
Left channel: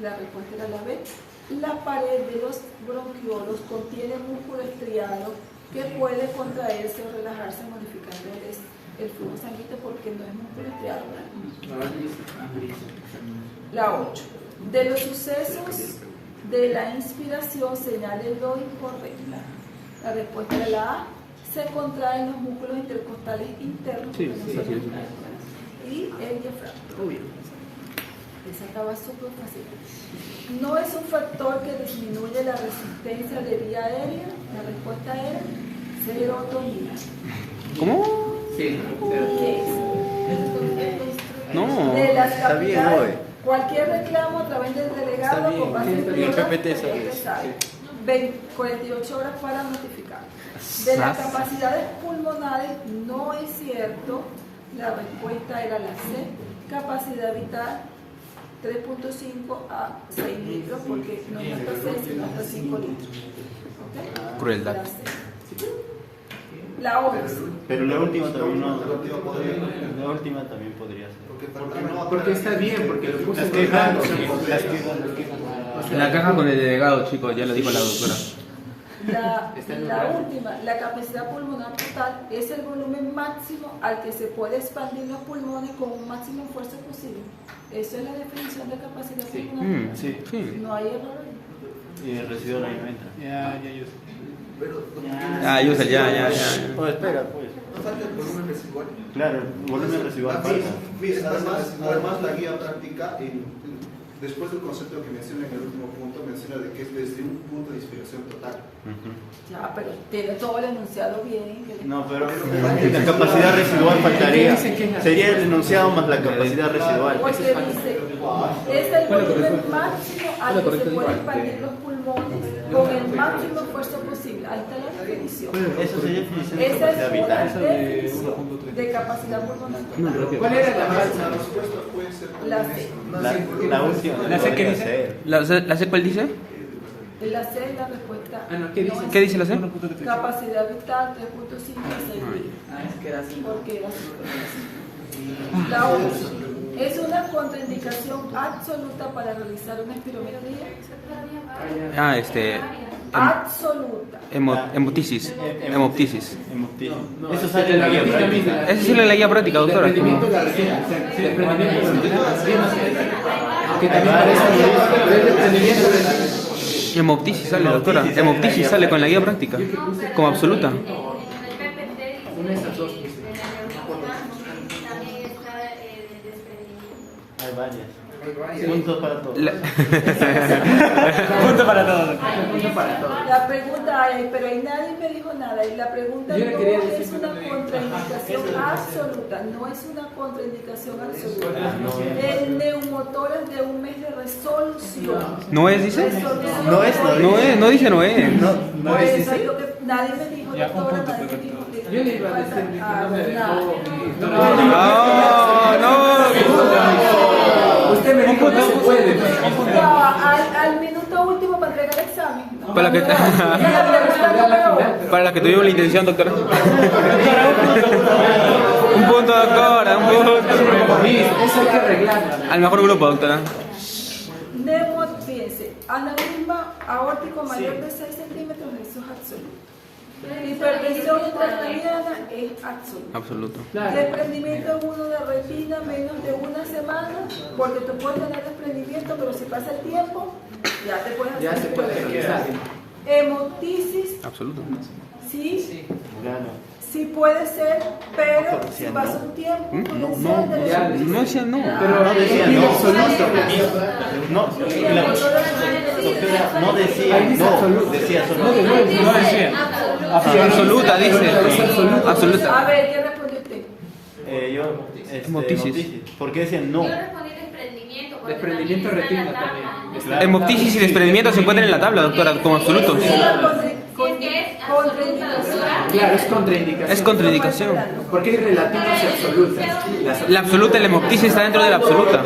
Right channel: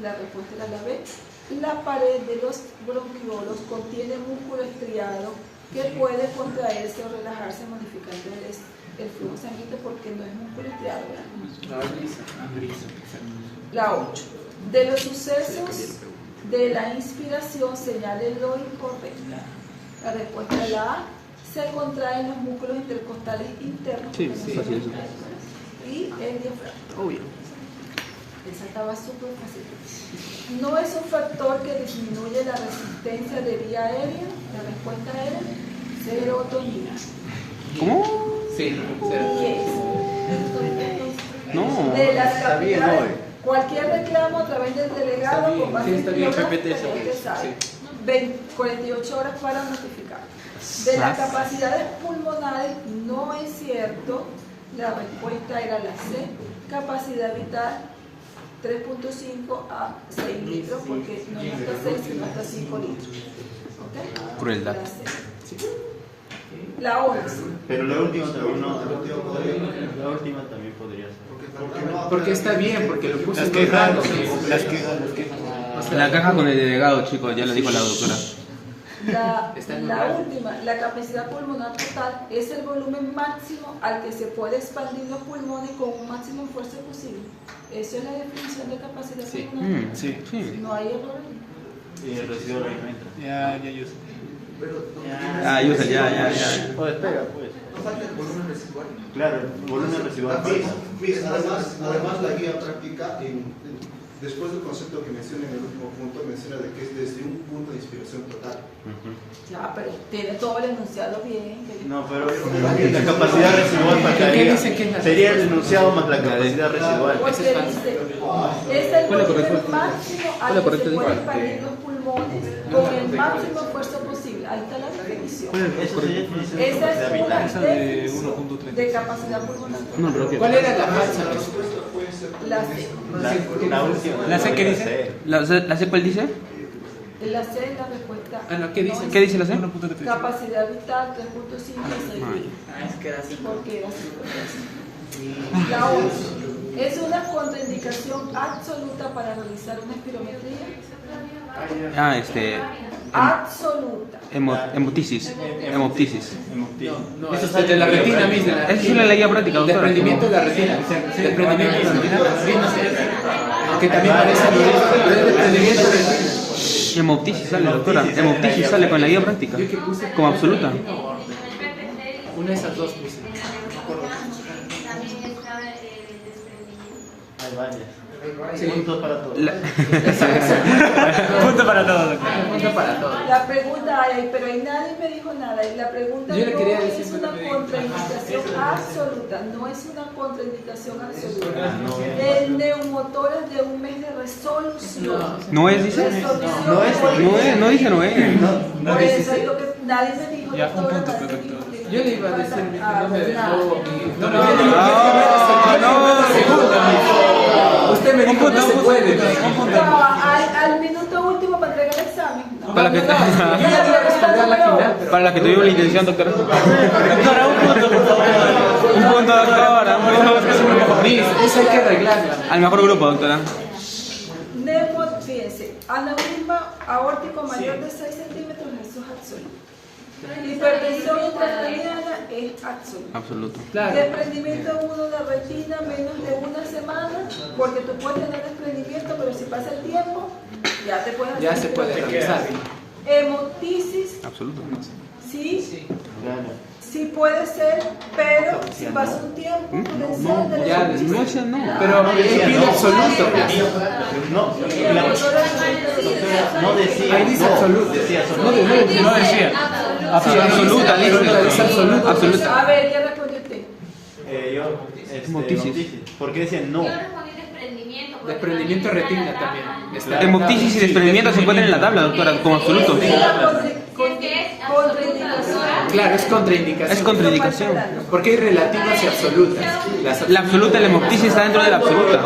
La respuesta era la B. La pared de los bronquiolos contiene músculo estriado que puede contraerse o relajarse modificando el flujo sanguíneo porque no es músculo estriado, ¿verdad? La 8. De los sucesos de la inspiración señale lo incorrecto. La respuesta es la A. Se contraen los músculos intercostales internos. Sí, fácil eso. Y el diafragma. Obvio. Esa estaba súper fácil. No es un factor que disminuye la resistencia de vía aérea. La respuesta era serotonina. ¿Cómo? Sí, ¿Qué es? No. De las Está bien, capilares, ¿no? Cualquier reclamo a través del delegado con base en bibliográfica, usted sabe. 48 horas para notificar. De las capacidades pulmonares, no es cierto. La respuesta era la C. Capacidad vital 3.5 a 6 litros, porque no es hasta 6, sino hasta 5 litros. ¿Okay? Crueldad. La C. La 11. Pero la última también no. La última también podría ser. porque está bien, porque lo puse Las en quejas, blanco. las quejas. La caja con el delegado, chicos, ya lo dijo la doctora. La última, la capacidad pulmonar total es el volumen máximo al que se puede expandir los pulmones con un máximo esfuerzo posible. Eso es la definición de capacidad pulmonar. Sí. No hay error. Y el residuo de alimento. Ya, yo. Usa, ya. Pues espera, pues. Falta el volumen residual. Claro, volumen residual. Además, la guía práctica Después del concepto que menciona en el último punto, menciona de que es desde un punto de inspiración total. Ya, pero tiene todo el enunciado bien. No, pero la capacidad residual faltaría. Sería el enunciado más la capacidad residual. Porque dice, es el volumen máximo al que se pueden expandir los pulmones con el máximo esfuerzo posible. Ahí está la definición. Esa es una definición de capacidad pulmonar. ¿Cuál era la máxima? La C. La última. ¿La C qué dice? ¿La C cuál dice? La C es la respuesta. Ah, no, ¿qué dice? ¿Qué dice la C? Capacidad vital 3.5 6. Es que era así. Porque era así. La 11. Es una contraindicación absoluta para realizar una espirometría. Absoluta. Hemoptisis. No, eso es de la retina misma. Esa es la guía práctica, doctora. Desprendimiento de la retina. Desprendimiento de la retina. Que también parece desprendimiento de la retina. Hemoptisis sale, doctora. Hemoptisis sale con la guía práctica. Como absoluta. Una de esas dos. Hay varias. Sí. Puntos para todos. Punto para todos. Punto para todos. La pregunta, pero ahí nadie me dijo nada. Y la pregunta Yo le no quería es decir una de- contraindicación absoluta. No es una contraindicación absoluta. El neumotor es de un mes de resolución. ¿No es, dice? Resolución. No es, No dice no es. Por eso es lo que nadie me dijo, doctora, nadie me dijo que. Yo le iba a decir que no me dejó. No. Usted me dijo no se puede. No, al minuto último para entregar el examen. No, Para que- esa es la pregunta número 1. Para la que tuvimos la intención, doctora. Un punto, doctora. Un punto. Miss, eso hay que arreglarla. Al mejor grupo, doctora. Fíjense, aneurisma aórtico mayor de 6 centímetros, eso es absoluto. Hipertensión intracraniana es absoluto. Absoluto. Claro. Desprendimiento agudo de retina menos de una semana, porque tú puedes tener desprendimiento, pero si pasa el tiempo, ya te puedes hacer Ya se puede espirometría. regresar. Hemoptisis, Absoluto. sí, Claro. sí puede ser, pero si pasa un tiempo prudencial de la ya, hemoptisis, No, esa no. Pero pide absoluto. No, y el motor no decía. Ahí dice no, absoluto. Decía No, absoluto. no decía. Sí, absoluta, dice. Es absoluta. Absoluta. A ver, ¿qué respondió usted? Yo, Hemoptisis. ¿Por qué decían no? Yo respondí desprendimiento. porque Desprendimiento de también retina está también. en la Está- Hemoptisis y desprendimiento se encuentran en la tabla, doctora, como absoluto. Es la contraindicación. Claro, es contraindicación. Es contraindicación. Porque hay relativas y absolutas. La absoluta, la hemoptisis está dentro de la absoluta.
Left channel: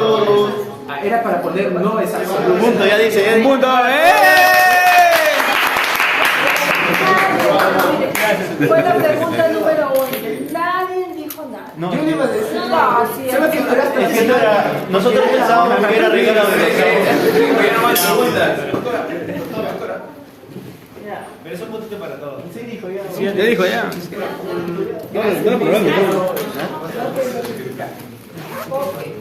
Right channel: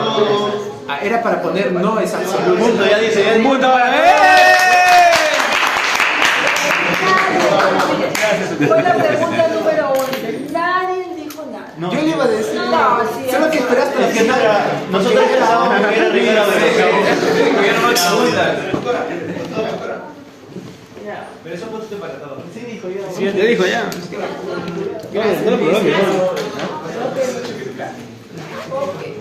Ah, era para poner no es absoluto. Punto, ya dice. Ya dice. ¡Punto! Fue la pregunta número 11. Nadie dijo nada. No, Yo le iba a decir. No, sí, Solo que esperaste. Es que no era. Nosotros pensábamos que era arreglado Pero es un puntito para todos. Sí, dijo ya. Sí, ya te dijo ya. Ok. Sí,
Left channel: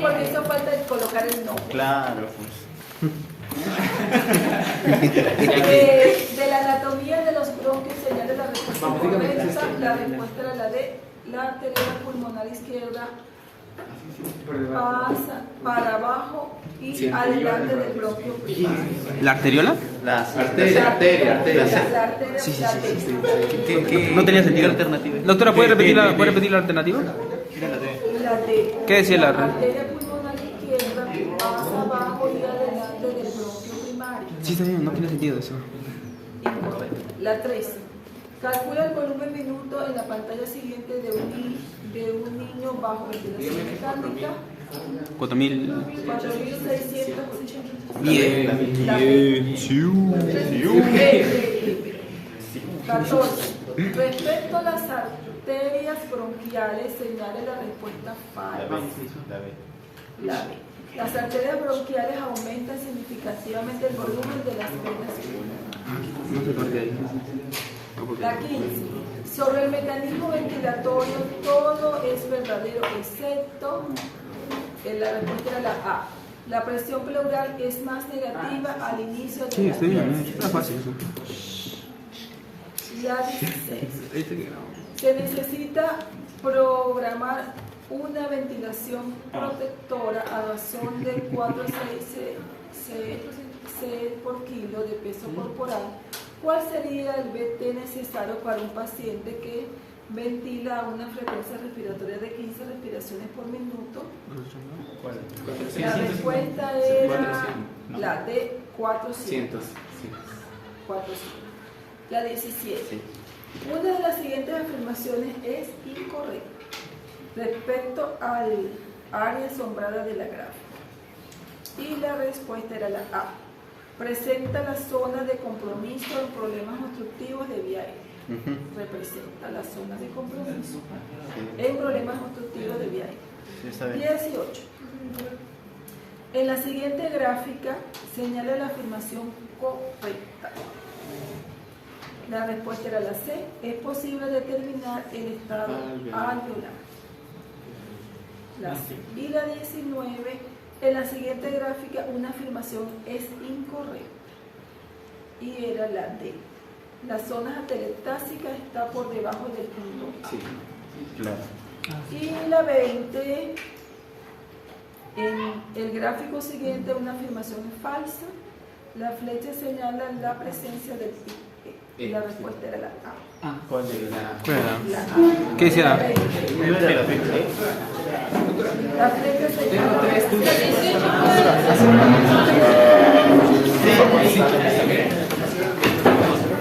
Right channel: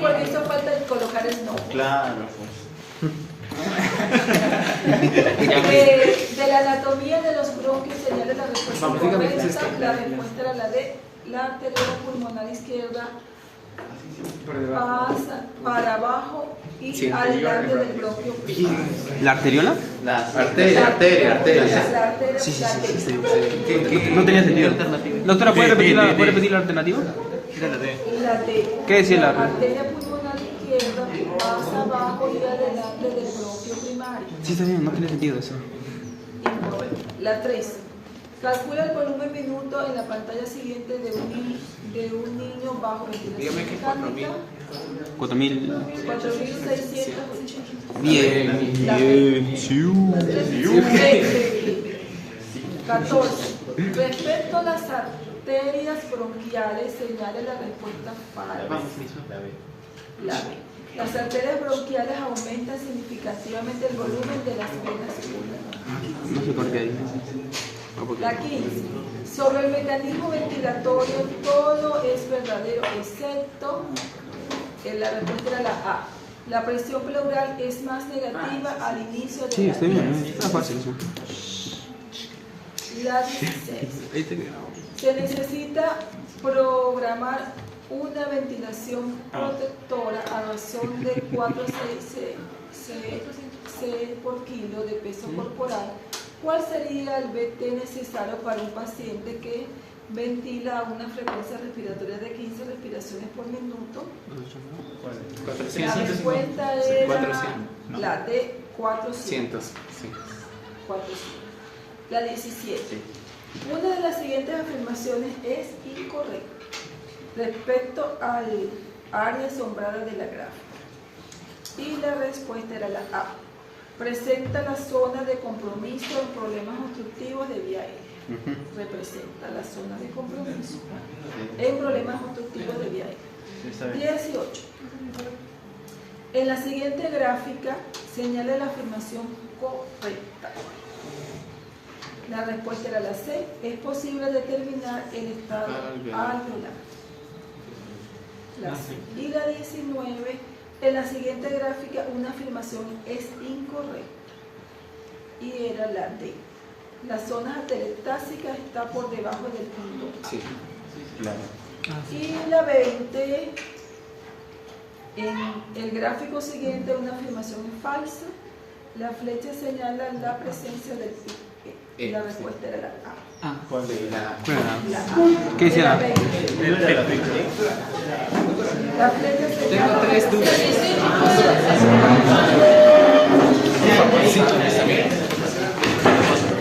porque eso falta de colocar el nombre. Claro, pues. De la anatomía de los bronquios señala la respuesta Vamos, dígame qué es correcta. esto. La respuesta era la D. La arteria pulmonar izquierda pasa para abajo y Sí. adelante del bronquio primario. ¿La arteriola? Las Arteria, arteria, arteria. La arteria No tenía sentido. Doctora, ¿puede repetir la alternativa? y la D. ¿Qué decía la arteria pulmonar izquierda pasa abajo y adelante del bronquio primario. Sí, está bien, no tiene sentido eso. Incorrecto. La 3. Calcula el volumen minuto en la pantalla siguiente de un niño bajo ventilación mecánica. 4.000. 4.680. Bien. La Bien. 14. Respecto a las arterias bronquiales, señale la respuesta falsa. La B. Las arterias bronquiales aumentan significativamente el volumen de las venas pulmonares. No sé por qué ahí. No, porque- La 15. Sobre el mecanismo ventilatorio, todo es verdadero excepto la respuesta era la A. La presión pleural es más negativa al inicio de Sí, la está bien, está fácil eso. La 16. Ahí te quedó. Se necesita programar una ventilación protectora a razón de 4,6 C por kilo de peso corporal, ¿cuál sería el BT necesario para un paciente que ventila a una frecuencia respiratoria de 15 respiraciones por minuto? La respuesta era la de 400. 400. La 17. Una de las siguientes afirmaciones es incorrecta respecto al área asombrada de la gráfica. Y la respuesta era la A. Presenta la zona de compromiso en problemas obstructivos de vía aérea. Representa la zona de compromiso en problemas obstructivos de vía aérea. 18. En la siguiente gráfica señala la afirmación correcta. La respuesta era la C. Es posible determinar el estado alveolar. La C. Y la 19. En la siguiente gráfica una afirmación es incorrecta. Y era la D. La zona atelectásica está por debajo del punto A. Sí, claro. Y la 20. En el gráfico siguiente una afirmación es falsa. La flecha señala la presencia del pico. Y la respuesta era la A. ¿Cuál era? La A. ¿Qué decía? La 20. La flecha señala la presencia